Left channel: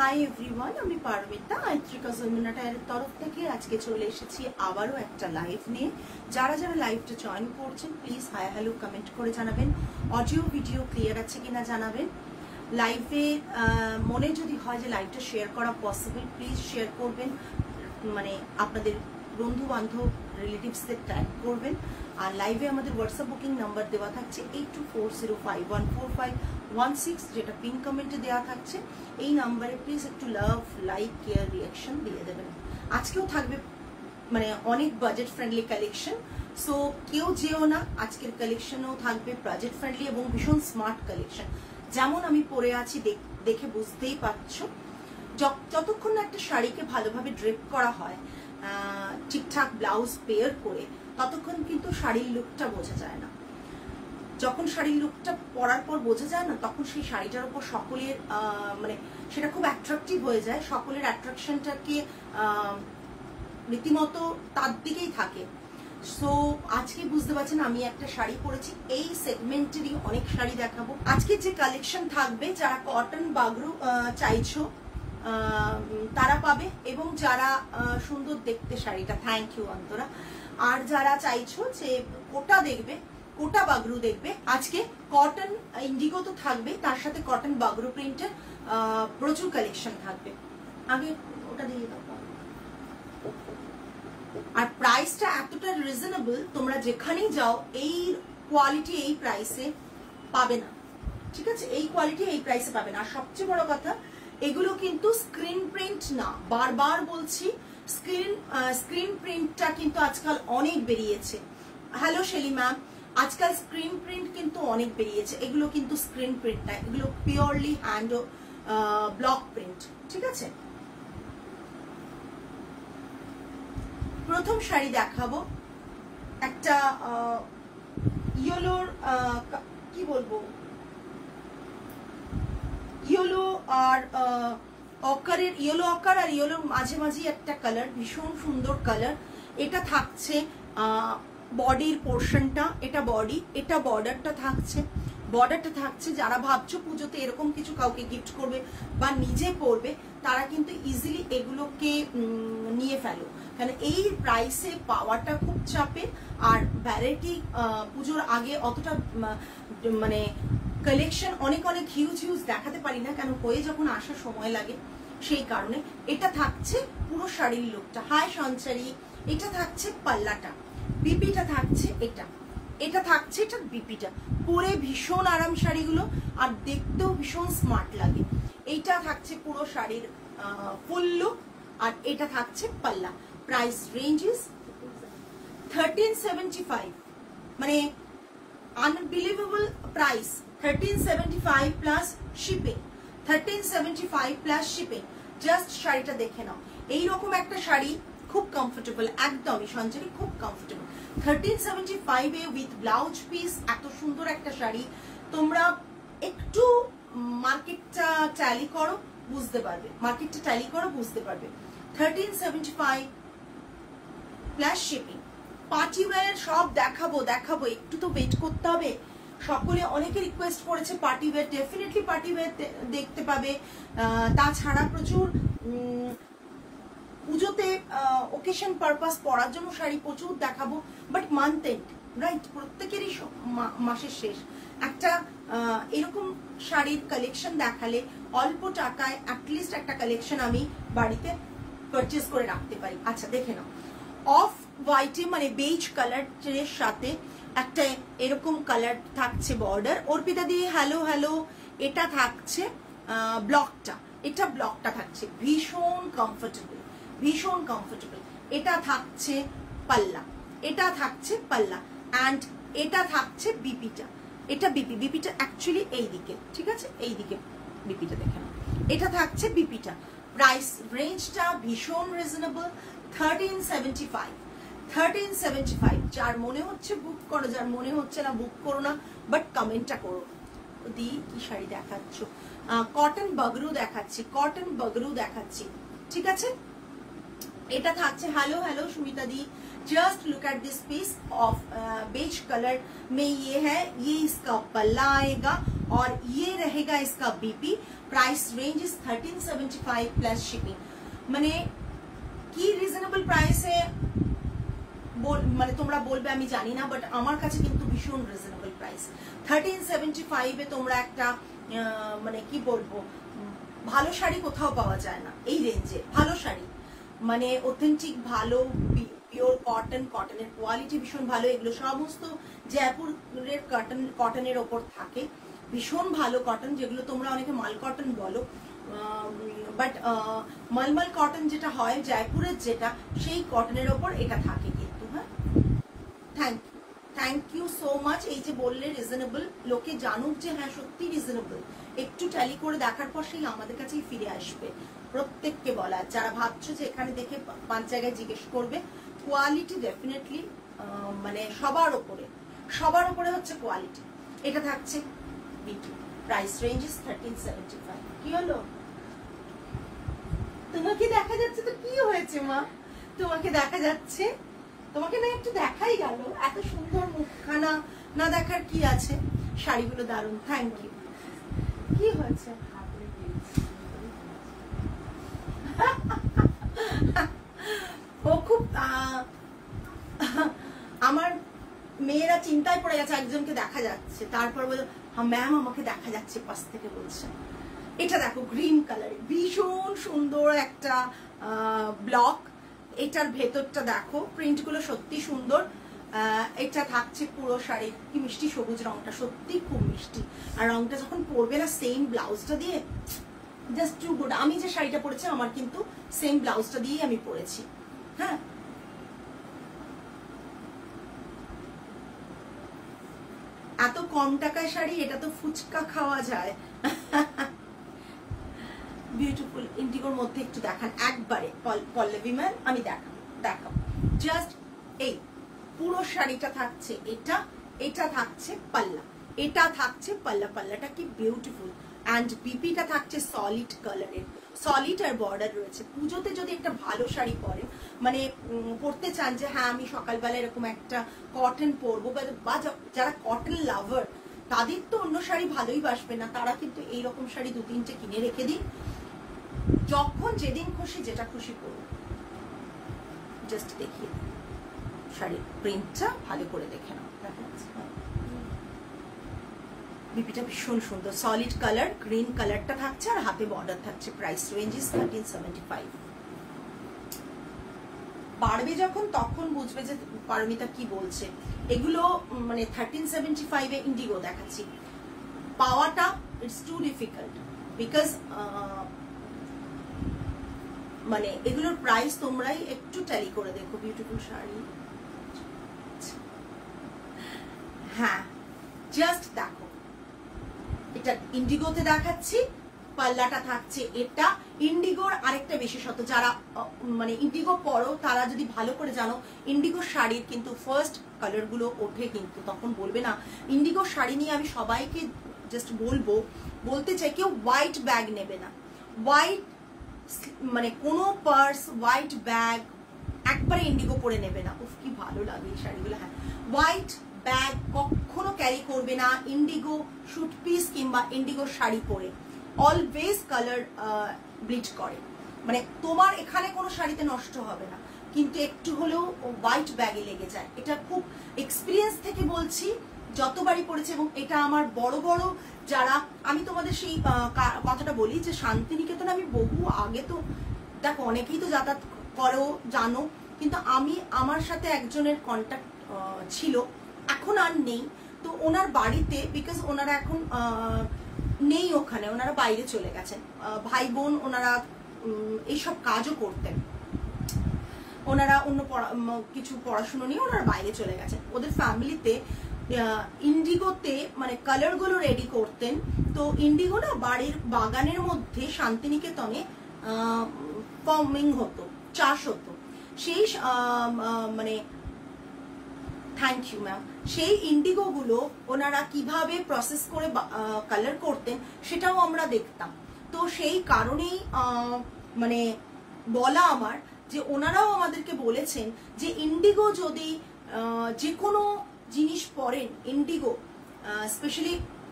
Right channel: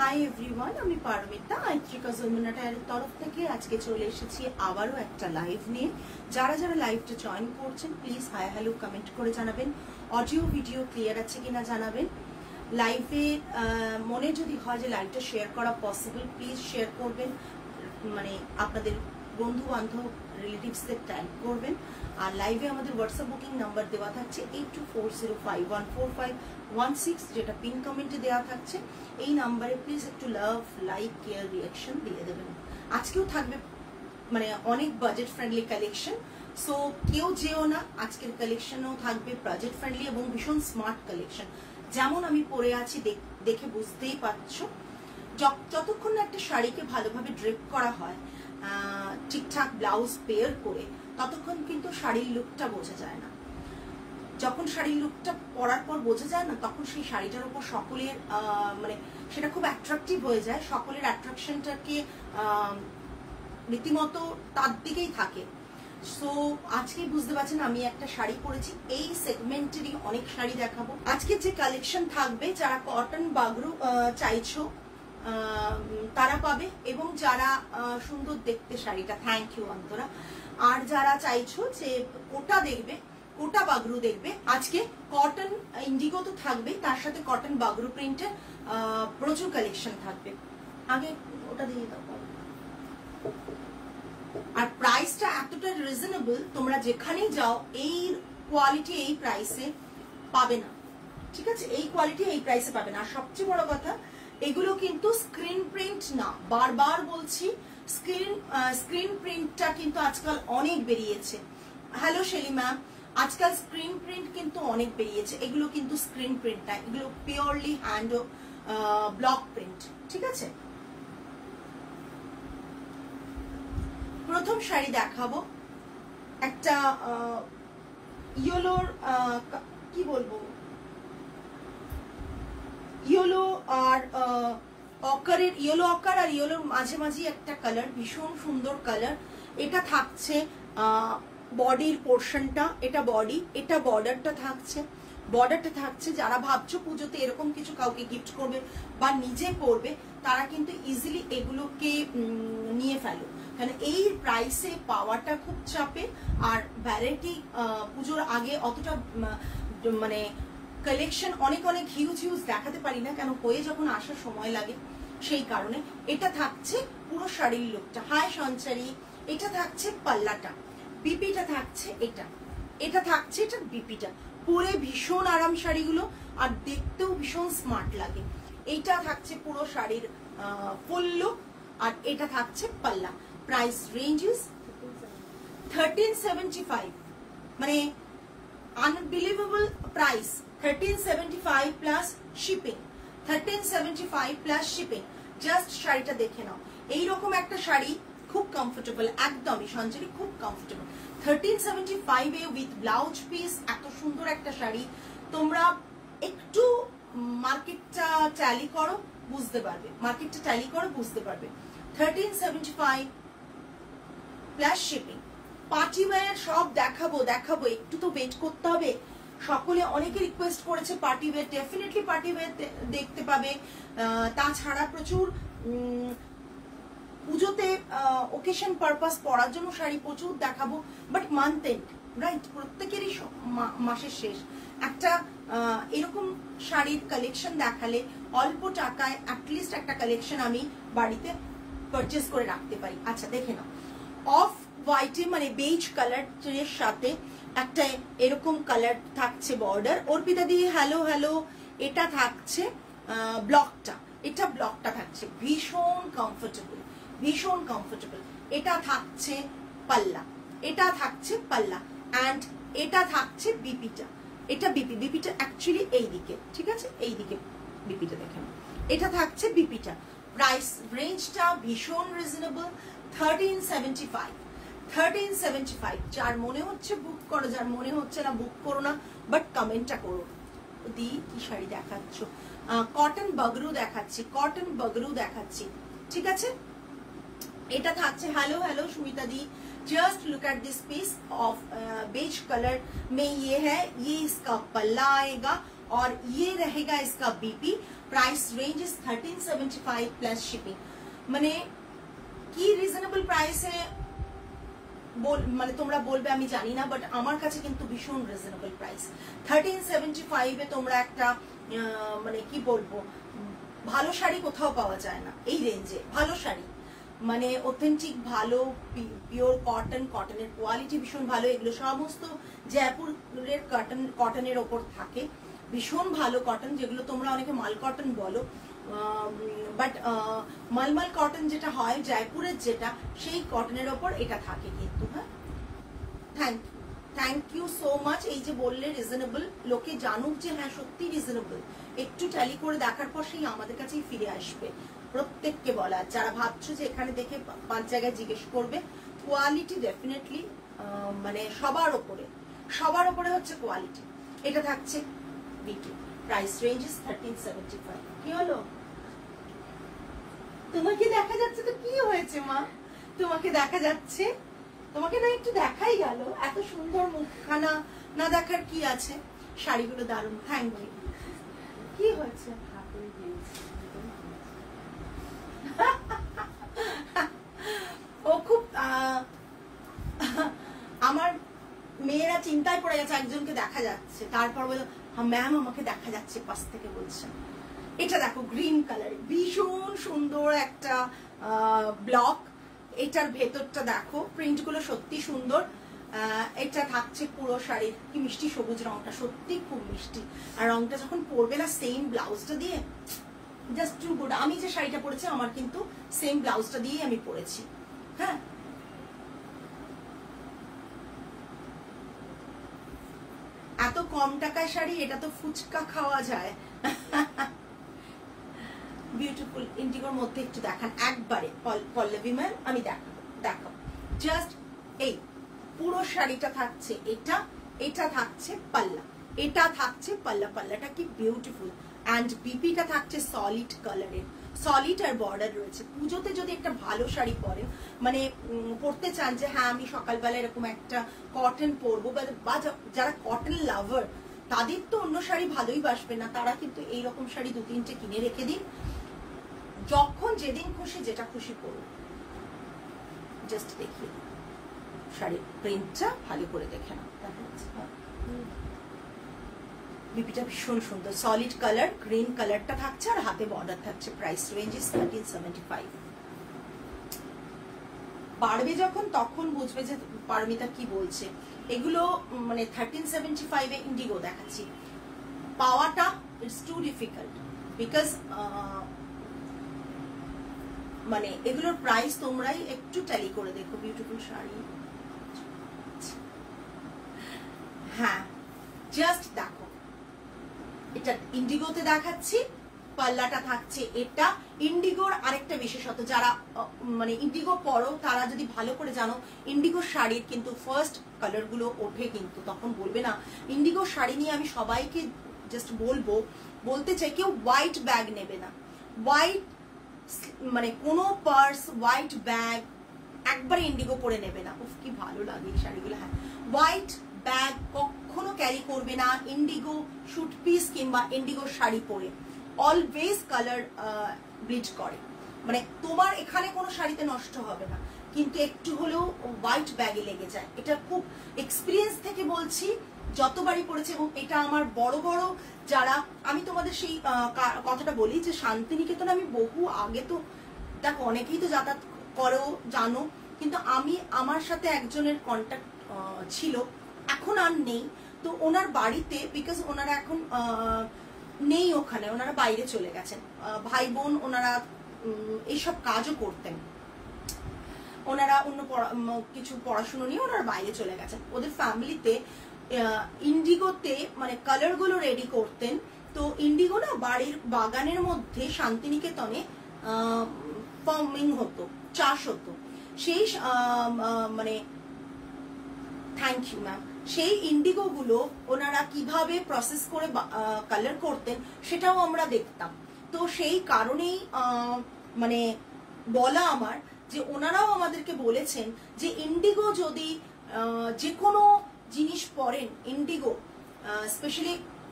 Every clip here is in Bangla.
হাই এভরিওয়ান, আমি পারমিতা আইত্রিকা যমুনা টায়ারের তরফ থেকে আজকে চলে এসেছি আবারও একটা লাইভ নিয়ে। যারা যারা লাইভটা জয়েন করছেন প্লিজ হাই হ্যালো কমেন্ট করে জানাবেন, অডিও ভিডিও ক্লিয়ার আছে কিনা জানাবেন। লাইভে মনে যদি হয় যে লাইভটা শেয়ার করা পসিবল প্লিজ শেয়ার করবেন, মানে আপনাদের বন্ধু বান্ধব রিলেটিভসদের ট্যাগ করবেন। আর লাইভে আমাদের হোয়াটসঅ্যাপ বুকিং নাম্বার দেওয়া থাকছে 8240514516, যেটা পিন কমেন্টে দেওয়া থাকছে। এই নাম্বারে প্লিজ একটু লাভ, লাইক, কেয়ার, রিয়াকশন দিয়ে দেবেন। আজকেও থাকবে মানে অনেক বাজেট ফ্রেন্ডলি কালেকশন, সো কেউ যেও না। আজকের কালেকশনও থাকবে বাজেট ফ্রেন্ডলি এবং ভীষণ স্মার্ট কালেকশন। যেমন আমি পরে আছি দেখে বুঝতেই পারছো, যতক্ষণ না একটা শাড়িকে ভালোভাবে ড্রেপ করা হয় ঠিকঠাক ব্লাউজ পেয়ার করে, ততক্ষণ কিন্তু শাড়ির লুকটা বোঝা যায় না। যখন শাড়ির লুকটা পরার পর বোঝা যায় না, তখন সেই শাড়িটার উপর সকলের মানে সেটা খুব অ্যাট্রাকটিভ হয়ে যায়। সকলের অ্যাট্রাকশনটাকে রীতিমতো তার দিকেই থাকে। সো আজকে বুঝতে পারছেন আমি একটা শাড়ি পরেছি, এই সেগমেন্টেরই অনেক শাড়ি দেখাবো। আজকে যে কালেকশন থাকবে, যারা কটন বাগরু চাইছো তারা পাবে, এবং যারা সুন্দর দেখতে শাড়িটা, থ্যাংক ইউ অন্তরা, আর যারা চাইছো যে কোটা দেখবে, কোটা বাগরু দেখবে, আজকে কটন ইন্ডিগো তো থাকবে, তার সাথে কটন বাগরু প্রিন্টের প্রচুর কালেকশন থাকবে। আগে ওটা দিয়ে দাও। আর প্রাইসটা এতটা রিজনেবল, তোমরা যেখানেই যাও এই কোয়ালিটি এই প্রাইসে পাবে না, ঠিক আছে? এই কোয়ালিটি এই প্রাইসে পাবে না। আর সবচেয়ে বড় কথা, এগুলো কিন্তু স্ক্রিন প্রিন্ট না, বারবার বলছি, স্ক্রিন প্রিন্টটা কিন্তু আজকাল অনেক বেরিয়েছে। হ্যালো শেলি ম্যাম, আজকাল স্ক্রিন প্রিন্ট কিন্তু অনেক বেরিয়েছে, এগুলো কিন্তু স্ক্রিন প্রিন্ট না, এগুলো পিওরলি হ্যান্ড ব্লক প্রিন্ট, ঠিক আছে? প্রথম শাড়ি দেখাবো একটা ইয়েলোর, কি বলবো, ইয়েলো আর অকারের, ইয়েলো অকার আর ইয়েলোর মাঝে একটা কালার, ভীষণ সুন্দর কালার। এটা থাকছে বডির পোর্শনটা, এটা বডি, এটা বর্ডারটা থাকছে। যারা ভাবছো পুজোতে এরকম কিছু কাউকে গিফট করবে বা নিজে পরবে, তারা কিন্তু ইজিলি এগুলোকে নিয়ে ফেলো, তাহলে এই প্রাইসে পাওয়াটা খুব চাপে। আর ভ্যারাইটি পুজোর আগে অতটা মানে কালেকশন অনেক হিউজ দেখাতে পারি না, কেন হয়ে যখন আসার সময় লাগে, সেই কারণে। এটা থাকছে পুরো শাড়ির লুকটা। হাই সঞ্চারী, এটা থাকছে পাল্লাটা, বিপিটা থাকছে এটা থাকছে এটা বিপিটা। পরে ভীষণ আরাম শাড়িগুলো, আর দেখতেও ভীষণ স্মার্ট লাগে। এইটা থাকছে পুরো শাড়ির ফুল লুক, আর এটা থাকছে পাল্লা। প্রাইস রেঞ্জ ইজ 1375, মানে unbelievable price. 1375 plus shipping, 1375 plus shipping. Just শাড়িটা দেখে নাও, এইরকম একটা শাড়ি খুব কমফোর্টেবল, একদমই সঞ্চারী খুব comfortable. 1375 A with blouse piece, এত সুন্দর একটা শাড়ি। তোমরা একটু মার্কেটটা ট্যালি করো বুঝতে পারবে, 1375 প্লাস শিপিং। পার্টি ওয়্যার সব দেখাবো, একটু তো ওয়েট করতে হবে। সকলে অনেকে রিকোয়েস্ট করেছে party wear, definitely party wear দেখতে পাবে। তাছাড়া প্রচুর পুজোতে ওকেশন পারপাস পরার জন্য শাড়ি প্রচুর দেখাবো, বাট মান্থ এন্ড, রাইট, প্রত্যেকেরই মাসের শেষ একটা এরকম শাড়ির কালেকশন দেখালে অল্প টাকায় অ্যাটলিস্ট একটা কালেকশন আমি বাড়িতে পারচেস করে রাখতে পারি। আচ্ছা দেখে নাও, অফ হোয়াইটে মানে বেজ কালারের সাথে একটা এরকম কালার থাকছে বর্ডার। অর্পিতা দিয়ে হ্যালো। এটা থাকছে ব্লকটা, থাকছে ভীষণ কমফোর্টেবল। এটা থাকছে পাল্লা, অ্যান্ড এটা থাকছে বিপিটা। বিপিটা অ্যাকচুয়ালি এইদিকে, ঠিক আছে? এইদিকে বিপিটা দেখে নাও, এটা থাকছে বিপিটা। প্রাইস রেঞ্জটা ভীষণ রিজনেবল, 1375। যার মনে হচ্ছে বুক করো, যার মনে হচ্ছে না বুক করো না, বাট কমেন্টটা করো। দি কি শাড়ি দেখাচ্ছ? কটন বাগরু দেখাচ্ছি, ঠিক আছে? এটা থাকছে hello Sumita di, just look at this piece of beige colour में ये है, ये इसका पल्ला आएगा और ये रहेगा इसका BP. Price range is 1375 plus shipping. মানে কি রিজনেবল প্রাইসে মানে তোমরা বলবে আমি জানি না, বাট আমার কাছে কিন্তু ভীষণ রিজনেবল প্রাইস। 1375 এ তোমরা একটা মানে কি বলবো, ভালো শাড়ি কোথাও পাওয়া যায় না এই রেঞ্জে। ভালো শাড়ি মানে অথেন্টিক ভালো পিওর কটন, কটনের কোয়ালিটি ভীষণ ভালো। এগুলো সমস্ত জয়পুরের কটনের ওপর থাকে, ভীষণ ভালো কটন, যেগুলো তোমরা অনেকে মাল কটন বলো, বাট মলমল কটন যেটা হয় জয়পুরের যেটা, সেই কটনের ওপর এটা থাকে কিন্তু। হ্যাঁ, থ্যাংক ইউ সো মাচ। এই যে বললে রিজনেবল, লোকে জানুক যে হ্যাঁ সত্যি রিজনেবল, একটু ট্যালি করে দেখার পর সেই আমাদের কাছেই ফিরে আসবে। প্রত্যেককে বলা, যারা ভাবছো যে এখানে দেখে 5 জায়গায় জিজ্ঞেস করবে, কোয়ালিটি ডেফিনেটলি মানে সবার ওপরে হচ্ছে কোয়ালিটি। এটা থাকছে বিটি, প্রাইস রেঞ্জ ইজ 1375। কি হলো, তোমাকে দেখা যাচ্ছে তো? কি হয়েছে মা, তোমাকে দেখা যাচ্ছে? তোমাকে না একটু দেখাই গেল, এত সুন্দর মুখখানা না দেখার কি আছে? শাড়িগুলো দারুণ, থ্যাংক ইউ। কি হয়েছে? ও খুব আমার মেয়েরা চিন্তায় পড়ে গেছে, একজনকে দেখা যাচ্ছে, তারপর বলে ম্যাম আমাকে দেখা যাচ্ছে পাশ থেকে বলছে। এটা দেখো গ্রিন কালার, ভীষণ সুন্দর একটা ব্লক। এটার ভেতরটা দেখো, প্রিন্ট গুলো সত্যি সুন্দর। এটা থাকছে পুরো শাড়ির, কি মিষ্টি সবুজ রংটা, সত্যি খুব মিষ্টি। আর রংটা যখন পরবে না সেম ব্লাউজটা দিয়ে, জাস্ট টু গুড। আমি যে শাড়িটা পরেছি আমার কিন্তু সেম ব্লাউজটা দিয়ে আমি পরেছি। হ্যাঁ, এত কম টাকায় শাড়ি, এটা তো ফুচকা খাওয়া যায়। বিউটিফুল ইন্ডিগোর মধ্যে একটু দেখান একবারে পল্লবী ম্যাম, আমি দেখাও জাস্ট এই পুরো শাড়িটা থাকছে। এটা থাকছে পাল্লা, এটা থাকছে পাল্লা, পাল্লাটা কি বিউটিফুল। অ্যান্ড বিপিটা থাকছে সলিড কালারের, সলিড আর বর্ডার রয়েছে। পুজোতে যদি একটা ভালো শাড়ি পরেন, মানে পরতে চান যে হ্যাঁ আমি সকালবেলা এরকম একটা কটন পরবো, বা যারা কটন লাভার তাদের তো অন্য শাড়ি ভালোই বাসবে না, তারা কিন্তু এইরকম শাড়ি 2-3টে কিনে রেখে দিন, যখন যেদিন খুশি যেটা খুশি পরুন। জাস্ট দেখি শাড়ির প্রিন্টটা ভালো করে দেখে নাও, দেখা যাচ্ছে বিপিটা ভীষণ সুন্দর, সলিড কালার, গ্রিন কালারটা থাকছে আর হাতে বর্ডার থাকছে। Price range is 1375। পারবে যখন তখন বুঝবে যে পারমিতা কি বলছে। এগুলো মানে 1375 এ ইন্ডিগো দেখাচ্ছি, পাওয়াটা ইটস টু ডিফিকাল্ট, বিকজ মানে এগুলোর প্রাইস তোমরাই একটু ট্যালি করে দেখো। বিউটিফুল শাড়ি, হ্যাঁ জাস্ট দেখো, এটা ইন্ডিগোতে দেখাচ্ছি, পাল্লাটা থাকছে এটা। ইন্ডিগোর আরেকটা বিশেষত, যারা মানে ইন্ডিগো পরো তারা যদি ভালো করে জানো, ইন্ডিগো শাড়ির কিন্তু ফার্স্ট কালার গুলো ওঠে, কিন্তু তখন বলবে না। ইন্ডিগো শাড়ি নিয়ে আমি সবাইকে জাস্ট বলতে চাই, কেউ হোয়াইট ব্যাগ নেবে না, হোয়াইট মানে কোনো পার্স, হোয়াইট ব্যাগ একবারে ইন্ডিগো পরে নেবে না। উফ কি ভালো লাগে এই শাড়িগুলো। হ্যাঁ, হোয়াইট ব্যাগ কখনো ক্যারি করবে না ইন্ডিগো শুট পিস কিংবা ইন্ডিগো শাড়ি পরে। অলওয়েজ কালার ব্লিচ করে, মানে তোমার এখানে কোনো শাড়িতে নষ্ট হবে না, কিন্তু একটু হলেও হোয়াইট ব্যাগে লেগে যায়। এটা খুব এক্সপিরিয়েন্স থেকে বলছি, যতবারই পড়েছে। এবং এটা আমার বড় বড় যারা, আমি তোমাদের সেই কথাটা বলি যে শান্তিনিকেতন আমি বহু আগে, তো দেখো অনেকেই তো যাতায়াত করো জানো, কিন্তু আমার সাথে একজনের কন্ট্যাক্ট ছিল, এখন আর নেই। তো ওনার বাড়িতে, বিকজ ওনারা এখন নেই ওখানে, ওনারা বাইরে চলে গেছেন, ভাই বোন ওনারা এইসব কাজও করতেন, ওনারা অন্য কিছু পড়াশুনো নিয়ে ওনারা বাইরে চলে গেছেন। ওদের ফ্যামিলিতে ইন্ডিগোতে মানে কালার গুলো রেডি করতেন। তো ইন্ডিগো না বাড়ির বাগানের মধ্যে শান্তিনিকেতনে ফার্মিং হতো, চাষ হতো। সেই মানে থ্যাংক ইউ ম্যাম, সেই ইন্ডিগো গুলো ওনারা কিভাবে প্রসেস করে কালার করতেন সেটাও আমরা দেখতাম। তো সেই কারণেই মানে বলা আমার, যে ওনারাও আমাদেরকে বলেছেন যে ইন্ডিগো যদি যে কোনো জিনিস পরেন, ইন্ডিগো স্পেশালি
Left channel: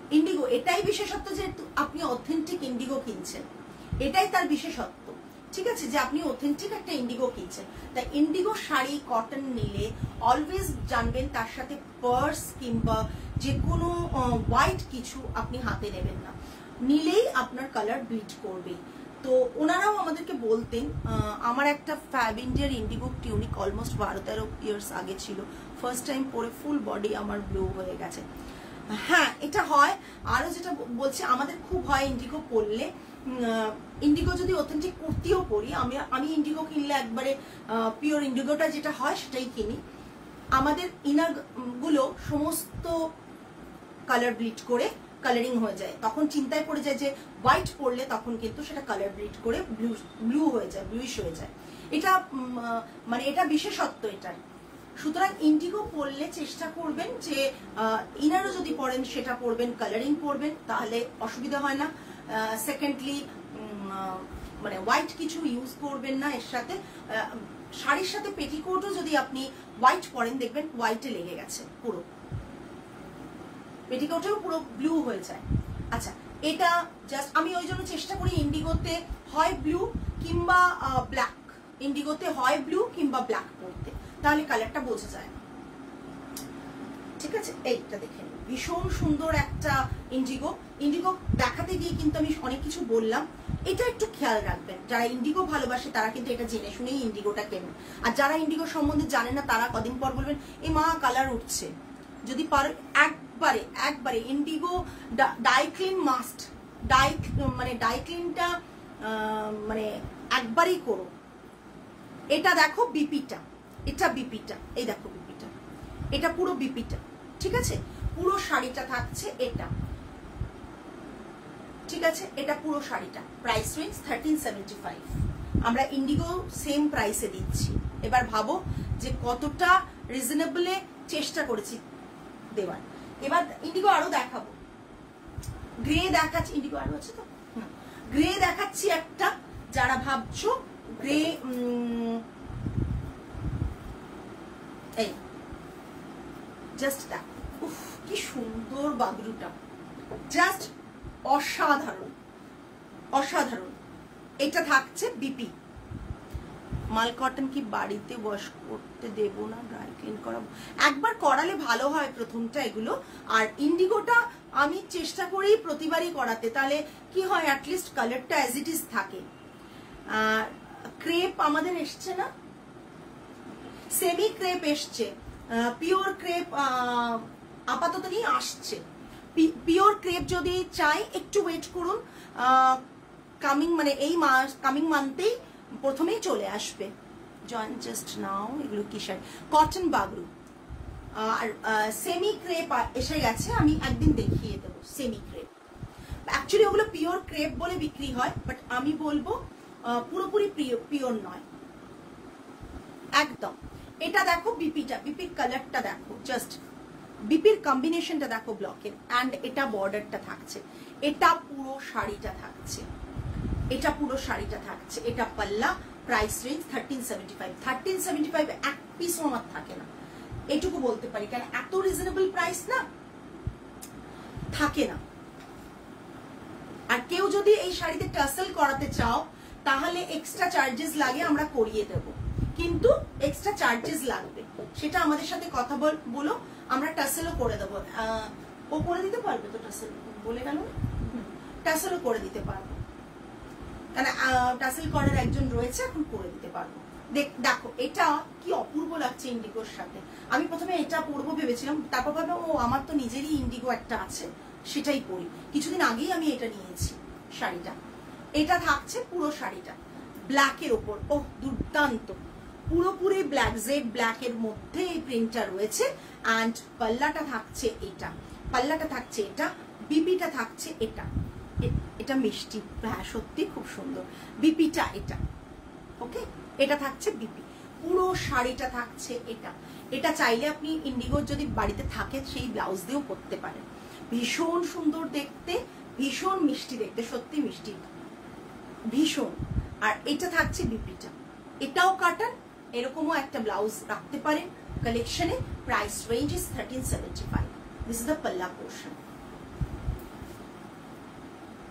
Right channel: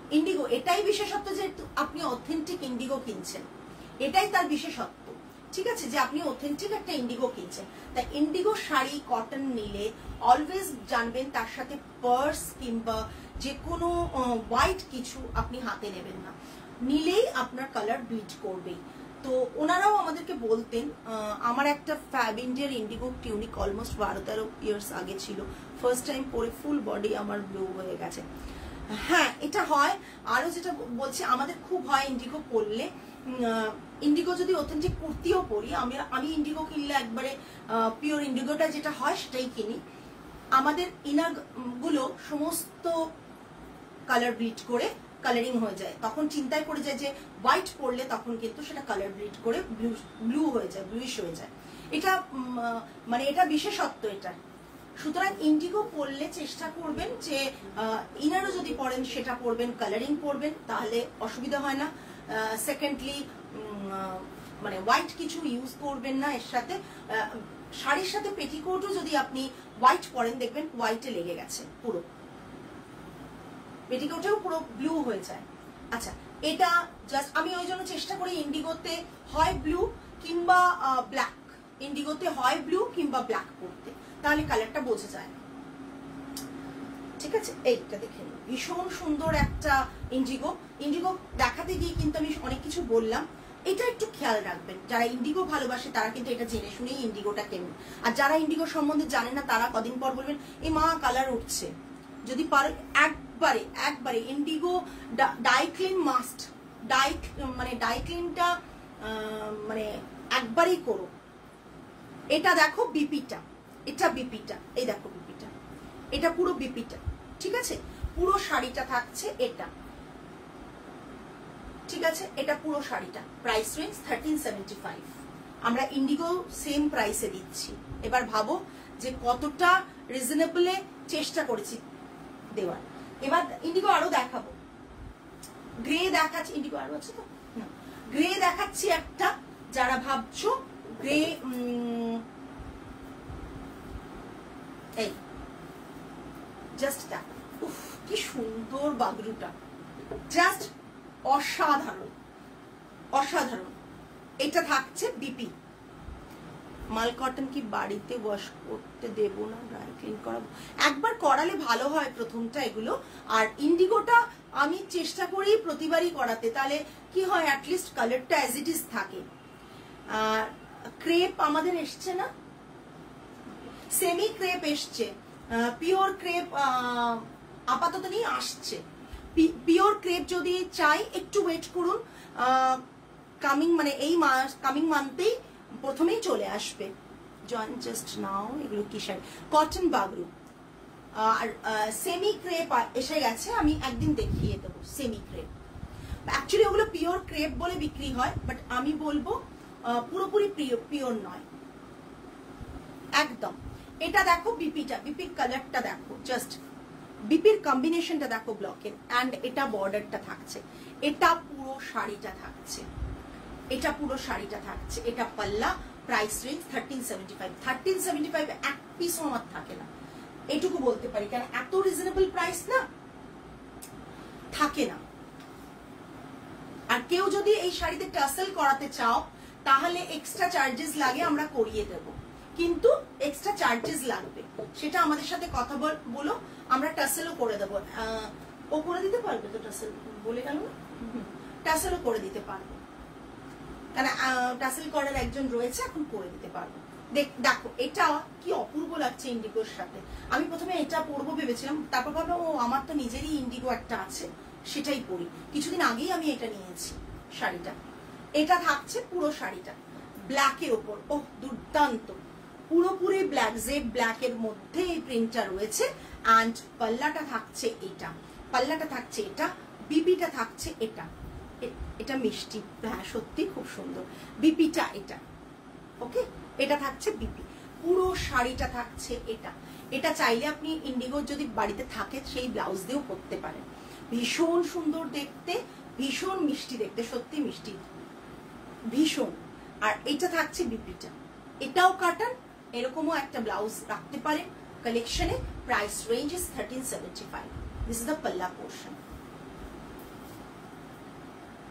ইন্ডিগো এটাই বিশেষত্ব যে আপনি অথেন্টিক ইন্ডিগো কিনছেন, এটাই তার বিশেষত্ব, ঠিক আছে, যে আপনি অথেন্টিক একটা ইন্ডিগো কিনছেন। তাই ইন্ডিগো শাড়ি কটন নিলে অলওয়েজ জানবেন তার সাথে পার্স কিংবা যে কোনো হোয়াইট কিছু আপনি হাতে নেবেন না, নিলেই আপনার কালার ব্লিচ করবে। তো ওনারাও আমাদেরকে বলতেন, আমার একটা ফ্যাব ইন্ডিয়ার ইন্ডিগো টিউনিক অলমোস্ট 12-13 ইয়ার্স আগে ছিল, ফার্স্ট টাইম পরে ফুল বডি আমার ব্লু হয়ে গেছে। হ্যাঁ এটা হয়। আরো যেটা বলছি, আমাদের খুব হয় ইন্ডিগো পরলে, ইন্ডিগো যদি অথেন্টিক কুর্তিও পরি, আমি ইন্ডিগো কিনলে একবারে পিওর ইন্ডিগোটা যেটা হয় সেটাই কিনি। আমাদের ইনার গুলো সমস্ত কালার ব্লিড করে কালারিং হয়ে যায়, তখন চিন্তায় পড়ে যায় যে হোয়াইট পরলে তখন কিন্তু সেটা কালার ব্লিড করে ব্লু হয়ে যায়, ব্লুইশ হয়ে যায়। এটা মানে এটা বিশেষত্ব এটার। সুতরাং ইন্ডিগো পরলে চেষ্টা করবেন যে ইনারও যদি পরেন সেটা পরবেন, কালারিং পরবেন, তাহলে অসুবিধা হয় না। সেকেন্ডলি মানে হোয়াইট কিছু ইউজ করবেন না এর সাথে। শাড়ির সাথে পেটিকোটও যদি আপনি হোয়াইট পরেন দেখবেন হোয়াইটে লেগে গেছে পুরো, পেটিকোটেও পুরো ব্লু হয়ে যায়। আচ্ছা, এটা জাস্ট আমি ওই জন্য চেষ্টা করি ইন্ডিগোতে হয় ব্লু কিংবা ব্ল্যাক, ইন্ডিগোতে হয় ব্লু কিংবা ব্ল্যাক পরতে, তাহলে কালারটা বোঝা যায় না, ঠিক আছে। এইটা দেখে নিন, ভীষণ সুন্দর একটা ইন্ডিগো। ইন্ডিগো দেখাতে গিয়ে কিন্তু আমি অনেক কিছু বললাম, এটা একটু খেয়াল রাখবেন। যারা ইন্ডিগো ভালোবাসে তারা কিন্তু এটা জেনে শুনেই ইন্ডিগোটা কেনবেন, আর যারা ইন্ডিগো সম্বন্ধে জানে না তারা কদিন পর বলবেন এ মা কালার উঠছে। যদি পারে একবারে ইন্ডিগো ডাই ক্লিন মাস্ট, মানে ডাই ক্লিনটা মানে একবারই করো। এটা দেখো বিপিটা, এটা বিপিটা, এই দেখো বিপিটা, এটা পুরো বিপিটা, ঠিক আছে। পুরো শাড়িটা থাকছে এটা, ঠিক আছে, এটা পুরো শাড়িটা। প্রাইস রেঞ্জ 1375, আমরা ইন্ডিগো সেম প্রাইসে দিচ্ছি। এবার ভাবো যে কতটা রিজনেবলে চেষ্টা করেছি দেওয়ার। এবার ইন্ডিগো আরো দেখাবো, গ্রে দেখাচ্ছি, ইন্ডিগো আরো আছে তো, গ্রে দেখাচ্ছি একটা। যারা ভাবছো গ্রে, এই জাস্ট দেখো, উফ কি সুন্দর বাগরুটা, জাস্ট অসাধারণ অসাধারণ। এটা থাকছে বিপি মাল কটন। কি বাড়িতে ওয়াশ করতে দেব না, ড্রাই ক্লিন করাবো? একবার করালে ভালো হয় প্রথমটা এগুলো। আর ইন্ডিগোটা আমি চেষ্টা করি প্রতিবারই করাতে, তাহলে কি হয় অ্যাটলিস্ট কালারটা অ্যাজ ইট ইজ থাকে। ক্রেপ আমাদের এসছে না, সেমি ক্রেপ এসছে, পিওর ক্রেপ আপাতত নিয়ে আসছে। পিওর ক্রেপ যদি চাই একটু ওয়েট করুন, কামিং মানে এই মাস, কামিং মান্থেই প্রথমেই চলে আসবে। জয়েন জাস্ট নাও, এগুলো কি শাড়ি, কটন বাগরু। আর সেমি ক্রেপ এসে গেছে, আমি একদিন দেখিয়ে দেবো সেমি ক্রেপ। অ্যাকচুয়ালি ওগুলো পিওর ক্রেপ বলে বিক্রি হয়, বাট আমি বলবো পুরোপুরি পিওর নয় একদম। এটা দেখো বিপিটা, বিপির কালারটা দেখো, জাস্ট বিপির কম্বিনেশনটা দেখো ব্লকের, অ্যান্ড এটা বর্ডারটা থাকছে, এটা পুরো শাড়িটা থাকছে, এটা পুরো শাড়িটা থাকছে, এটা পাল্লা। Price range 1375। 1375 এক পিসও আমার থাকে না, এইটুকু বলতে পারি, কারণ এত রিজনেবল প্রাইস না থাকে না। আর কেউ যদি এই শাড়িতে টাসেল করাতে চাও তাহলে এক্সট্রা চার্জেস লাগে, আমরা করিয়ে দেব, কিন্তু এক্সট্রা চার্জেস লাগবে, সেটা আমাদের সাথে কথা বলো, আমরা টাসেলও করে দেবো। ও করে দিতে পারবে তো টাসেল, বলে গেল টাসেলও করে দিতে পারবো, কারণ টাসেল করার একজন রয়েছে, এখন করে দিতে পারবো। দেখো এটা কি অপূর্ব লাগছে ইন্ডিগোর সাথে। আমি প্রথমে এটা পরবো ভেবেছিলাম, তারপর ভাবলাম ও আমার তো নিজেরই ইন্ডিগো একটা আছে, সেটাই পরি। কিছুদিন আগেই আমি এটা নিয়েছি শাড়িটা। এটা থাকছে পুরো শাড়িটা ব্ল্যাকের ওপর, ও দুর্দান্ত, পুরোপুরি ব্ল্যাক, জেড ব্ল্যাকের মধ্যে এই প্রিন্টটা রয়েছে। অ্যান্ড পাল্লাটা থাকছে এটা, পাল্লাটা থাকছে এটা, বিপিটা থাকছে এটা, এটা মিষ্টি, হ্যাঁ সত্যি খুব সুন্দর বিপিটা এটা। ওকে, এটা থাকছে বিপি, পুরো শাড়িটা থাকছে এটা। এটা চাইলে আপনি ইন্ডিগোর যদি বাড়িতে থাকে সেই ব্লাউজ দিয়েও করতে পারেন, ভীষণ সুন্দর দেখতে, ভীষণ মিষ্টি দেখতে, সত্যি মিষ্টি ভীষণ। আর এটা থাকছে বিপিটা, এটাও কাটান, এরকমও একটা ব্লাউজ রাখতে পারেন কালেকশনে। Price range is 1375। This is the পাল্লা পোর্শন।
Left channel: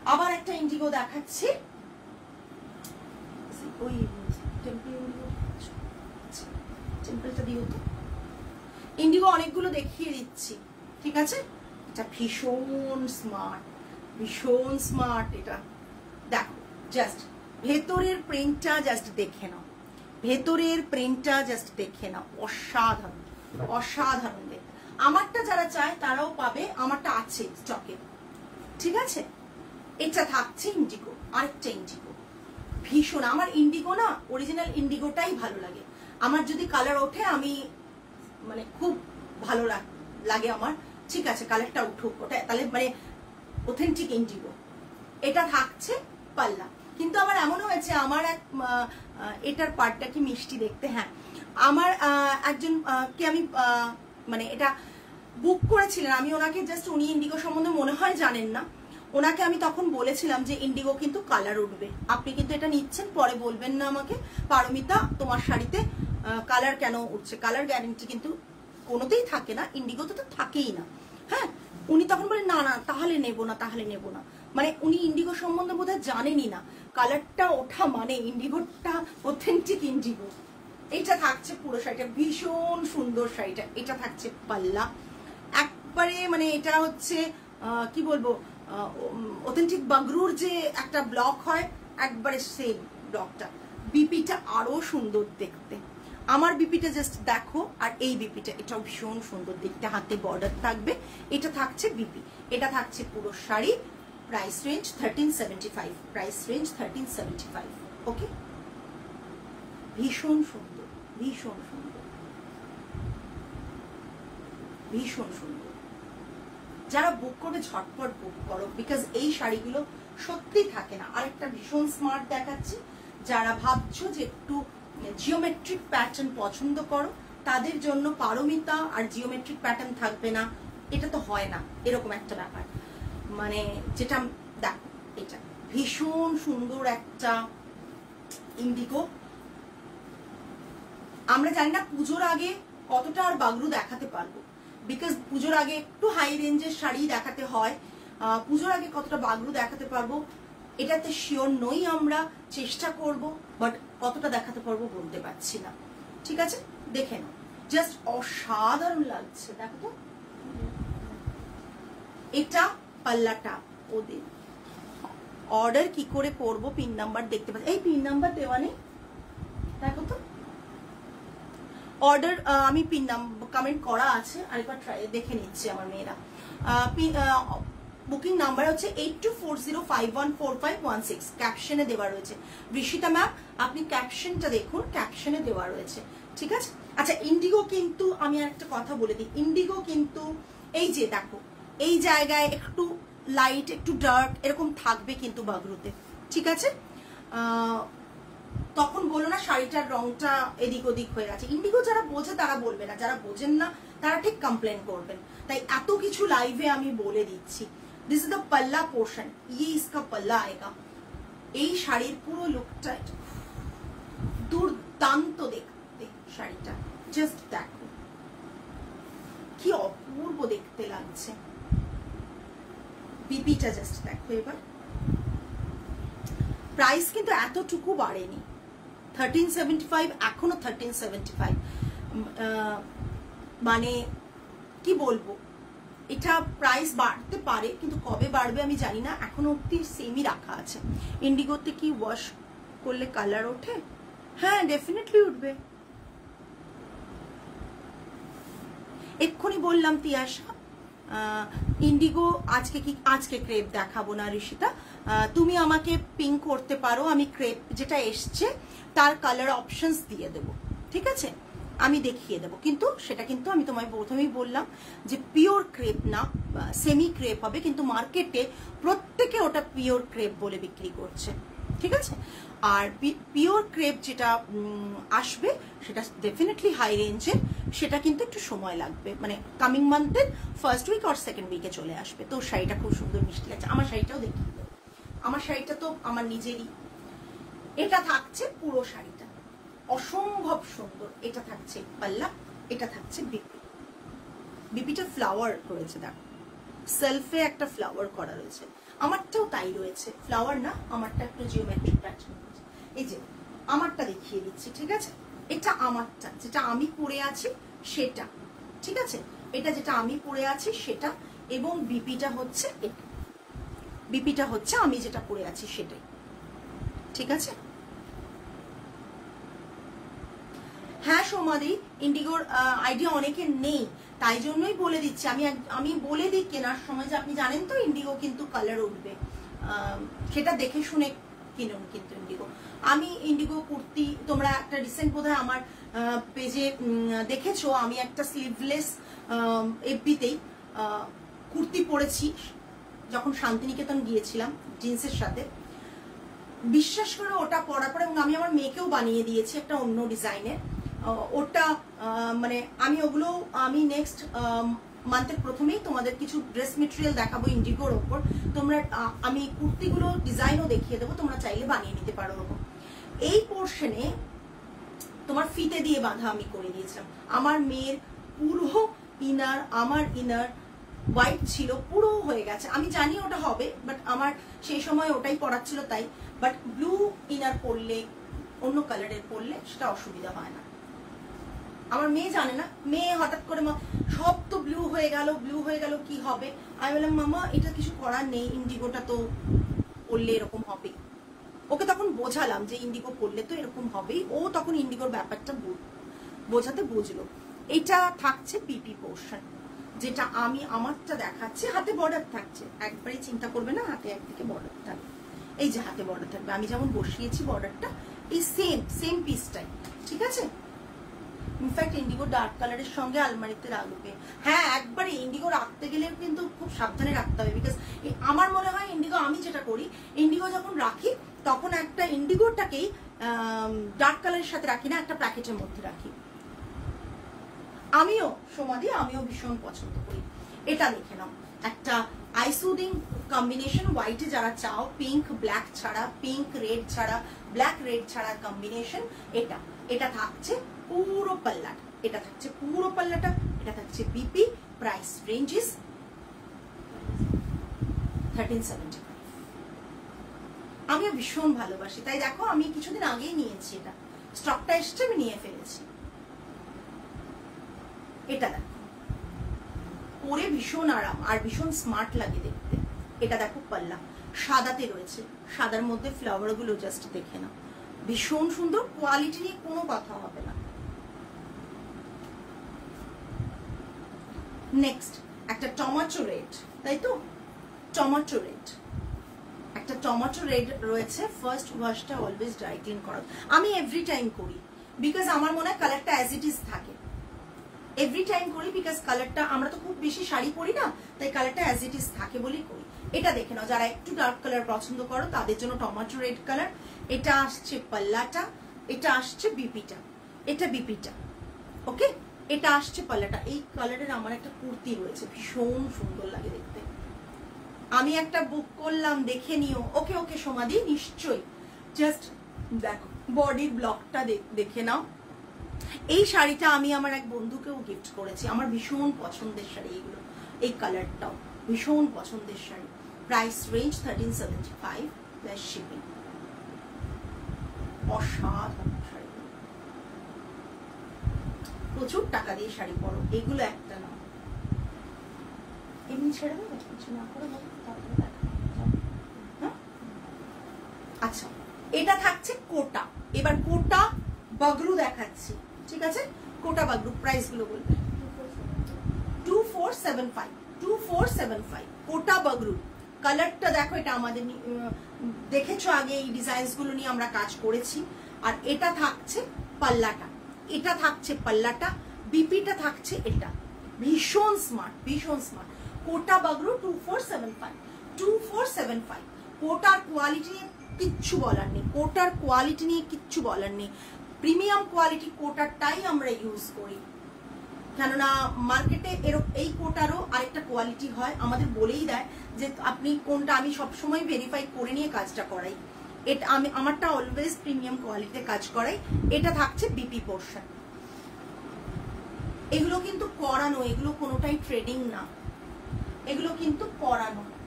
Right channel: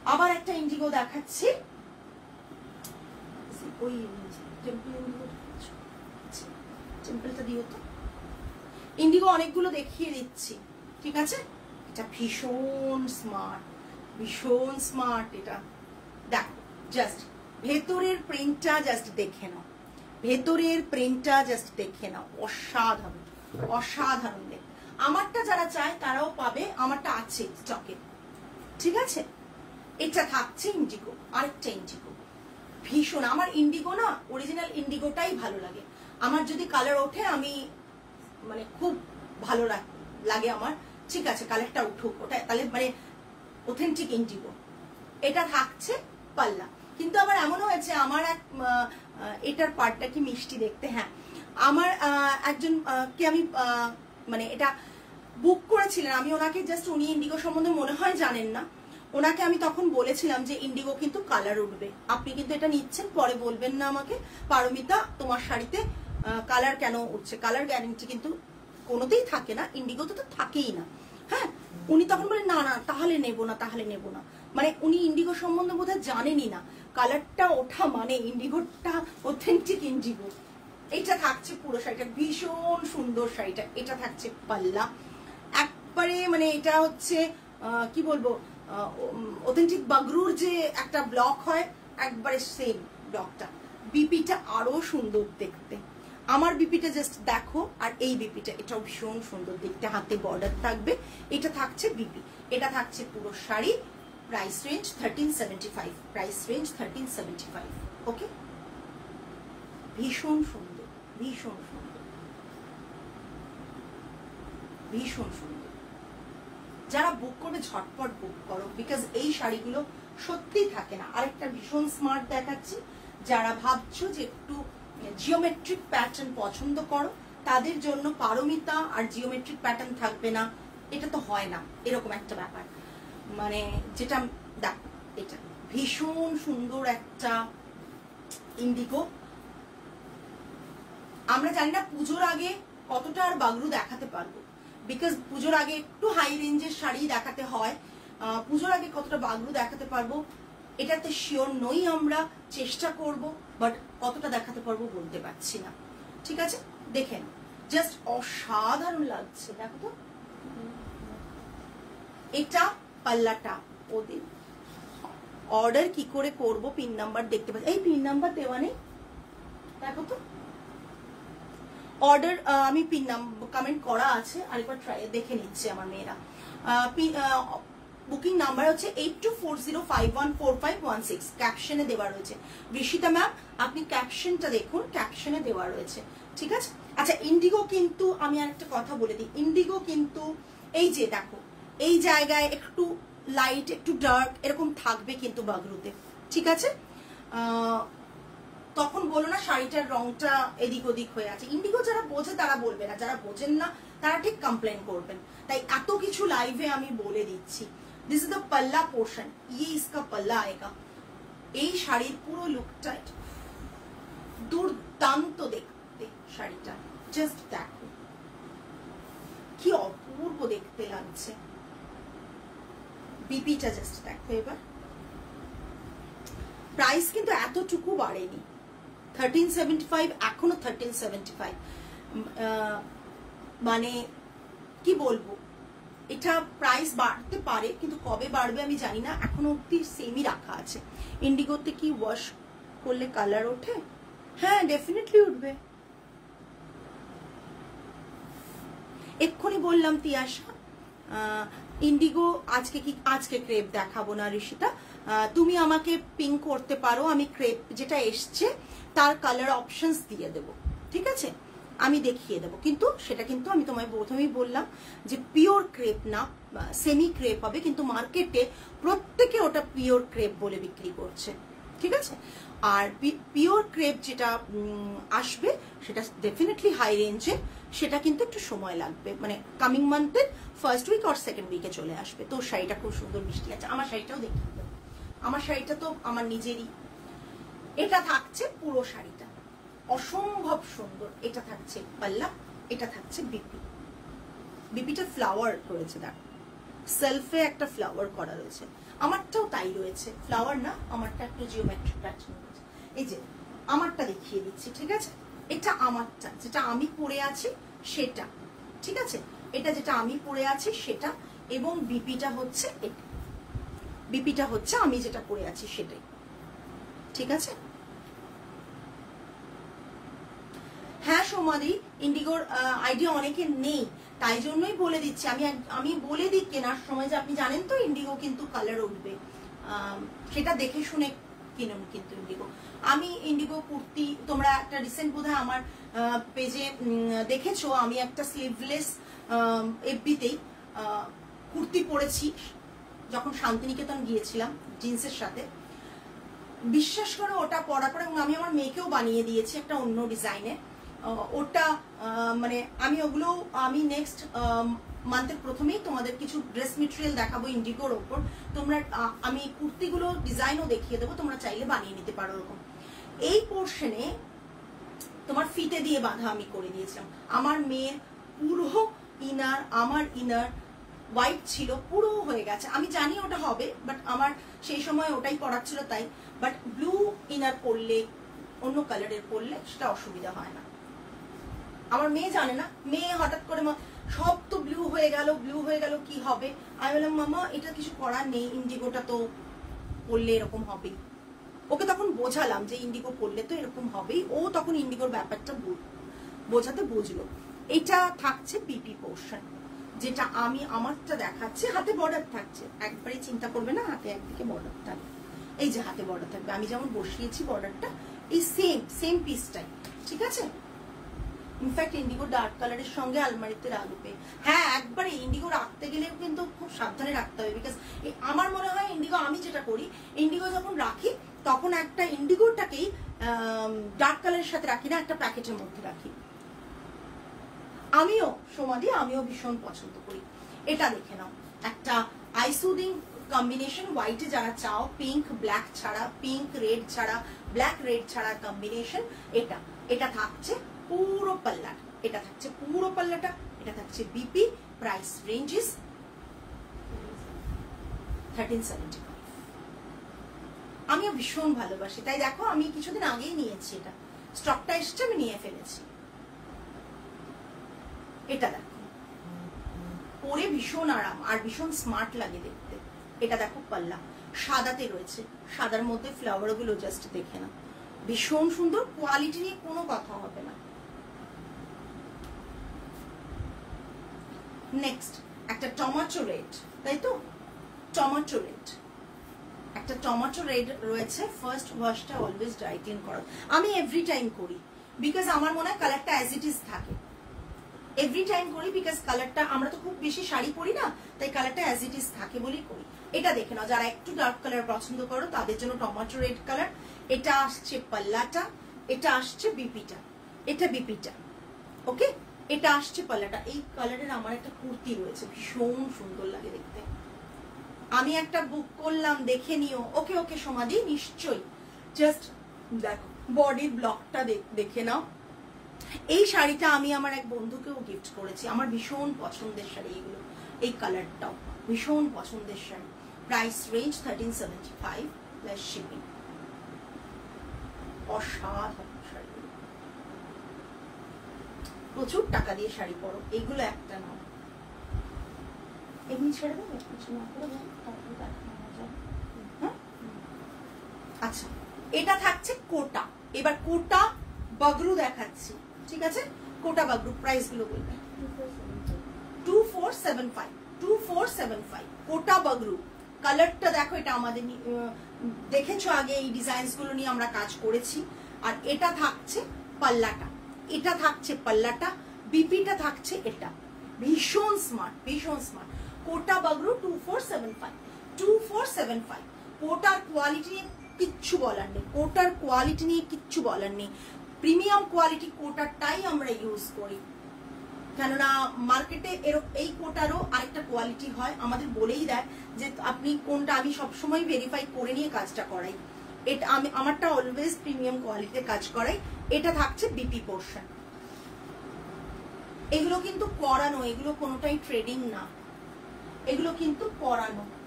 আবার একটা ইন্ডিগো দেখাচ্ছি, ওই টেম্পলটা দিও তো। ইন্ডিগো অনেকগুলো দেখিয়ে দিচ্ছি, ঠিক আছে। এটা ভীষণ স্মার্ট, ভীষণ স্মার্ট। এটা দেখো, জাস্ট ভেতরের প্রিন্টটা জাস্ট দেখে নাও, ভেতরের প্রিন্টটা জাস্ট দেখে নাও, অসাধারণ অসাধারণ। দেখ, আমারটা যারা চায় তারাও পাবে, আমারটা আছে স্টকে, ঠিক আছে। এটা থাকছে ইন্ডিগো, আরেকটা ইন্ডিগো ভীষণ। আমার ইন্ডিগো না, অরিজিনাল ইন্ডিগোটাই ভালো লাগে আমার। যদি কালার ওঠে আমি মানে খুব ভালো লাগে আমার, ঠিক আছে, কালারটা উঠুক, ওটা তাহলে মানে অথেন্টিক ইন্ডিগো। এটা থাকছে পাল্লা। কিন্তু আমার এমনও হয়েছে, আমার এক এটার পার্টটা কি মিষ্টি দেখতে। হ্যাঁ, আমার একজন কে আমি মানে এটা বুক করেছিলেন, আমি ওনাকে জাস্ট, উনি ইন্ডিগো সম্বন্ধে মনে হয় জানেন না, ওনাকে আমি তখন বলেছিলাম যে ইন্ডিগো কিন্তু কালার উঠবে, আপনি কিন্তু এটা নিচ্ছেন, পরে বলবেন না আমাকে পারমিতা তোমার শাড়িতে কালার কেন উঠছে। কালার গ্যারেন্টি কিন্তু কোনোতেই থাকে না, ইন্ডিগোতে তো থাকেই না। হ্যাঁ, উনি তখন বলেন না না তাহলে নেবো না, তাহলে নেবো না। মানে উনি ইন্ডিগো সম্বন্ধে বোধহয় জানেনই না, কালারটা ওঠা মানে ইন্ডিগোটা অথেন্টিক ইন্ডিগো। এটা থাকছে পুরো শাড়িটা, ভীষণ সুন্দর শাড়িটা। এটা থাকছে পাল্লা, একবারে মানে এটা হচ্ছে কি বলবো, অথেন্টিক বাগরুর যে একটা ব্লক হয়, একবারে সেই ব্লকটা। বিপিটা আরো সুন্দর দেখতে, আমার বিপিটা জাস্ট দেখো, আর এই বিপিটা এটাও ভীষণ সুন্দর দেখতে, হাতে বর্ডার থাকবে। এটা থাকছে বিপি, এটা থাকছে পুরো sari. Price range 1375, price range 1375। ওকে, ভীষণ সুন্দর, ভীষণ সুন্দর, ভীষণ সুন্দর। যারা বুক করবে ঝটপট বুক করো, বিকজ এই শাড়িগুলো সত্যিই থাকে না। আরেকটা ভীষণ স্মার্ট দেখাচ্ছি, যারা ভাবছো যে একটু জিওমেট্রিক প্যাটার্ন পছন্দ করো তাদের জন্য পারমিতা আর জিওমেট্রিক প্যাটার্ন থাকবে না, এটা তো হয় না, এরকম একটা ব্যাপার। মানে যেটা দেখো, এটা ভীষণ সুন্দর একটা ইন্ডিগো। আমরা জানি না পুজোর আগে কতটা আর বাগরু দেখাতে পারবো, বিকজ পুজোর আগে একটু হাই রেঞ্জের শাড়ি দেখাতে হয়, পুজোর আগে কতটা বাগরু দেখাতে পারবো এটাতে শিওর নই। আমরা চেষ্টা করব, বাট কতটা দেখাতে পারবো বলতে পারছি না, ঠিক আছে। দেখে নাও, জাস্ট অসাধারণ লাগছে, দেখো তো। এটা পাল্লাটা, ওদের অর্ডার কি করে করব, পিন নাম্বার দেখতে পাচ্ছি, এই পিন নাম্বার দেওয়া নেই, দেখো তো। অর্ডার আমি পিন নাম্বার কমেন্ট করা আছে, আরেকবার ট্রাই দেখে নিচ্ছে আমার মেয়েরা। বুকিং নাম্বার হচ্ছে 8240514516, ক্যাপশনে দেওয়া রয়েছে। ঋষিতা ম্যাম, আপনি ক্যাপশনটা দেখুন, ক্যাপশনে দেওয়া রয়েছে, ঠিক আছে। আচ্ছা, ইন্ডিগো কিন্তু আমি একটা কথা বলে দিই, ইন্ডিগো কিন্তু এই যে দেখো, এই জায়গায় একটু লাইট একটু ডার্ক এরকম থাকবে কিন্তু বাগরুতে, ঠিক আছে। তখন বলো না শাড়িটার রংটা এদিক ওদিক হয়ে আছে। ইন্ডিগো যারা বোঝে তারা বলবে না, যারা বোঝেন না তারা ঠিক কমপ্লেন করবেন। তাই এত কিছু লাইভে আমি বলে দিচ্ছি। দিস ইজ দ্য পাল্লা পোর্শন, ইয়ে ইসকা পাল্লা আয়েগা। এই শাড়ির পুরো লুকটা দুর্দান্ত দেখতে, শাড়িটা জাস্ট দেখো কি অপূর্ব দেখতে লাগছে। বিপিটা জাস্ট দেখো এবার। প্রাইস কিন্তু এতটুকু বাড়েনি, 1375, এখনো 1375। মানে কি বলবো, এটা প্রাইস বাড়তে পারে কিন্তু কবে বাড়বে আমি জানি না, এখনো অব্দি সেমই রাখা আছে। ইন্ডিগোতে কি ওয়াশ করলে কালার ওঠে? হ্যাঁ, ডেফিনেটলি উঠবে। এক্ষুনি বললাম তিয়াশা, ইন্ডিগো আজকে ক্রেপ দেখাবো না ঋষিতা, তুমি আমাকে পিং করতে পারো, আমি ক্রেপ যেটা এসছে তার কালার অপশনস দিয়ে দেবো, ঠিক আছে, আমি দেখিয়ে দেবো। কিন্তু সেটা কিন্তু আমি তোমায় প্রথমেই বললাম যে পিওর ক্রেপ না, সেমি ক্রেপ হবে, কিন্তু মার্কেটে প্রত্যেকে ওটা পিওর ক্রেপ বলে বিক্রি করছে, ঠিক আছে। আর পিওর ক্রেপ যেটা আসবে সেটা ডেফিনেটলি হাই রেঞ্জে, সেটা কিন্তু একটু সময় লাগবে, মানে কামিং মান্থের ফার্স্ট উইক আর সেকেন্ড উইকে চলে আসবে। তো শাড়িটা খুব সুন্দর মিষ্টি লাগছে, আমার শাড়িটাও দেখিয়ে দেবো। আমার শাড়িটা তো আমার নিজেরই। এটা থাকছে পুরো শাড়িটা অসম্ভব সুন্দর। এটা থাকছে পাল্লা, এটা থাকছে বিপি। বিপিটা ফ্লাওয়ার রয়েছে, দেখো সেলফে একটা ফ্লাওয়ার করা রয়েছে। আমারটাও তাই রয়েছে, ফ্লাওয়ার না, আমারটা একটু জিওমেট্রিক প্যাটার্ন রয়েছে। এই যে আমারটা দেখিয়ে দিচ্ছি, ঠিক আছে? এটা আমারটা, যেটা আমি পরে আছি সেটা, ঠিক আছে? এটা যেটা আমি পরে আছি সেটা, এবং বিপিটা হচ্ছে এটা, বিপিটা হচ্ছে আমি যেটা পরে আছি সেটাই, ঠিক আছে? হ্যাঁ সৌমাদি, ইন্ডিগোর আইডিয়া অনেকের নেই, তাই জন্যই বলে দিচ্ছি। আমি বলে দিই কেনার সময় যে আপনি জানেন তো ইন্ডিগো কিন্তু কালার উঠবে, সেটা দেখে শুনে কিনুন কিন্তু ইন্ডিগো। আমি ইন্ডিগো কুর্তি, তোমরা একটা রিসেন্ট বোধহয় আমার পেজে দেখেছো, আমি একটা স্লিভলেস এফবিতেই কুর্তি পরেছি যখন শান্তিনিকেতন গিয়েছিলাম জিন্সের সাথে। বিশ্বাস করে ওটা পরার পরে, এবং আমি আমার মেয়েকেও বানিয়ে দিয়েছি একটা অন্য ডিজাইনের। ওটা মানে আমি নেক্সট মান্থের প্রথমেই তোমাদের কিছু ড্রেস মেটেরিয়াল দেখাবো ইন্ডিগোর ওপর। তোমরা আমি কুর্তিগুলো ডিজাইনও দেখিয়ে দেবো, তোমরা চাইলে বানিয়ে নিতে পারো ওরকম। এই পোর্শনে তোমার ফিতে দিয়ে বাঁধা আমি করে দিয়েছিলাম। আমার মেয়ের পুরো ইনার, আমার ইনার হোয়াইট ছিল, পুরো হয়ে গেছে। আমি জানি ওটা হবে, বাট আমার সেই সময় ওটাই পরার ছিল তাই। বাট ব্লু ইনার পরলে, অন্য কালারের পরলে সেটা অসুবিধা হয় না। আমার মেয়ে জানে না, মেয়ে হঠাৎ করে সব তো ব্লু হয়ে গেল, ব্লু হয়ে গেল, কি হবে? আমি বললাম মামা এটা কিছু করার নেই, ইন্ডিগোটা তো পরলে এরকম হবেই। ওকে তখন বোঝালাম যে ইন্ডিগো পরলে তো এরকম হবেই, ও তখন ইন্ডিগোর ব্যাপারটা বোঝাতে বুঝলো। এটা থাকছে পিপি পোর্শন, যেটা আমি আমারটা দেখাচ্ছি। হাতে বর্ডার থাকছে, একবারই চিন্তা করবে না, হাতে একদিকে বর্ডার থাকবে। এই যে হাতে বর্ডার থাকবে, আমি যেমন বসিয়েছি বর্ডারটা, এই সেম পিসটাই, ঠিক আছে? ইনফ্যাক্ট ইন্ডিগো ডার্ক কালারের সঙ্গে আলমারিতে রাখবে। হ্যাঁ, একবারে ইন্ডিগো রাখতে গেলেও কিন্তু খুব সাবধানে রাখতে হবে, বিকজ আমার মনে হয় ইন্ডিগো, আমি যেটা করি, ইন্ডিগো যখন রাখি তখন একটা ইন্ডিগোটাকেই ডার্ক কালারের সাথে রাখি না, একটা প্যাকেটের মধ্যে রাখি। আমিও ভীষণ পছন্দ করি। এটা দেখে নাও, একটা আইসুদিং কম্বিনেশন, হোয়াইটে যারা চাও, পিঙ্ক ব্ল্যাক ছাড়া, পিঙ্ক রেড ছাড়া, ব্ল্যাক রেড ছাড়া কম্বিনেশন। এটা থাকছে পুরো পাল্লাটা, এটা থাকছে বিপি। Price ranges 1375। আমিও ভীষণ ভালোবাসি, তাই দেখো আমি কিছুদিন আগেই নিয়েছি, এটা স্টকটা এসছে, আমি নিয়ে ফেলেছি। এটা দেখো, পরে ভীষণ আরাম আর ভীষণ স্মার্ট লাগে দেখতে। এটা দেখো পাল্লা সাদাতে রয়েছে, সাদার মধ্যে ফ্লাওয়ার গুলো জাস্ট দেখে না, ভীষণ সুন্দর। কোয়ালিটি নিয়ে কোনো কথা হবে না। নেক্সট একটা টমেটো রেড, তাই তো? টমেটো রেড, একটা টমেটো রেড রয়েছে। ফার্স্ট ওয়াশটা অলওয়েজ ড্রাই ক্লিন করা, আমি এভরি টাইম করি, বিকজ আমার মনে হয় কালারটা অ্যাজ ইট ইজ থাকে। এভরি টাইম করি বিকজ কালারটা, আমরা তো খুব বেশি শাড়ি পরি না, তাই কালারটা অ্যাজ ইট ইজ থাকে বলেই করি। এটা দেখে নাও, যারা একটু ডার্ক কালার পছন্দ করো তাদের জন্য টমেটো রেড কালার। এটা আসছে পাল্লাটা, এটা আসছে বিপিটা, এটা বিপিটা, ওকে? এটা আসছে পাল্লাটা। এই কালারের আমার একটা কুর্তি রয়েছে, ভীষণ সুন্দর লাগে দেখতে। আমি একটা বুক করলাম, দেখে নিও। ওকে সমাধি, নিশ্চয়ই। জাস্ট দেখো বডির ব্লকটা দেখে নাও। এই শাড়িটা আমি আমার এক বন্ধুকেও গিফট করেছি, আমার ভীষণ পছন্দের শাড়ি এগুলো। এই কালারটাও ভীষণ পছন্দের sari. Price range 1375 plus shipping. অসাধারণ শাড়ি, প্রচুর টাকা দিয়ে শাড়ি পরো, এগুলো একটা নাও। এমনি ছেড়ে দেবে, কিছু না করে। আচ্ছা, এটা থাকছে কোটা। এবার কোটা বাগরু দেখাচ্ছি, ঠিক আছে? কোটা বাগরু প্রাইস গুলো বলবে। 2475 কোটা বাগরু। কালারটা দেখো, এটা আমাদের দেখেছো আগে, এই ডিজাইনস গুলো নিয়ে আমরা কাজ করেছি। আর এটা থাকছে পাল্লাটা, বিপিটা থাকছে এটা। ভীষণ স্মার্ট, কোটা বাগরু 2475। কোটার কোয়ালিটি নিয়ে কিচ্ছু বলার নেই, প্রিমিয়াম কোয়ালিটি কোটারটাই আমরা ইউজ করি। কেননা মার্কেটে এই কোটারও আরেকটা কোয়ালিটি হয়, আমাদের বলেই দেয় যে আপনি কোনটা। আমি সবসময় ভেরিফাই করে নিয়ে কাজটা করাই। এটা আমারটা অলওয়েজ প্রিমিয়াম কোয়ালিটিতে কাজ করাই। এটা থাকছে বিপি পোর্শন। এগুলো কিন্তু করানো, এগুলো কোনোটাই ট্রেডিং না, এগুলো কিন্তু করানো।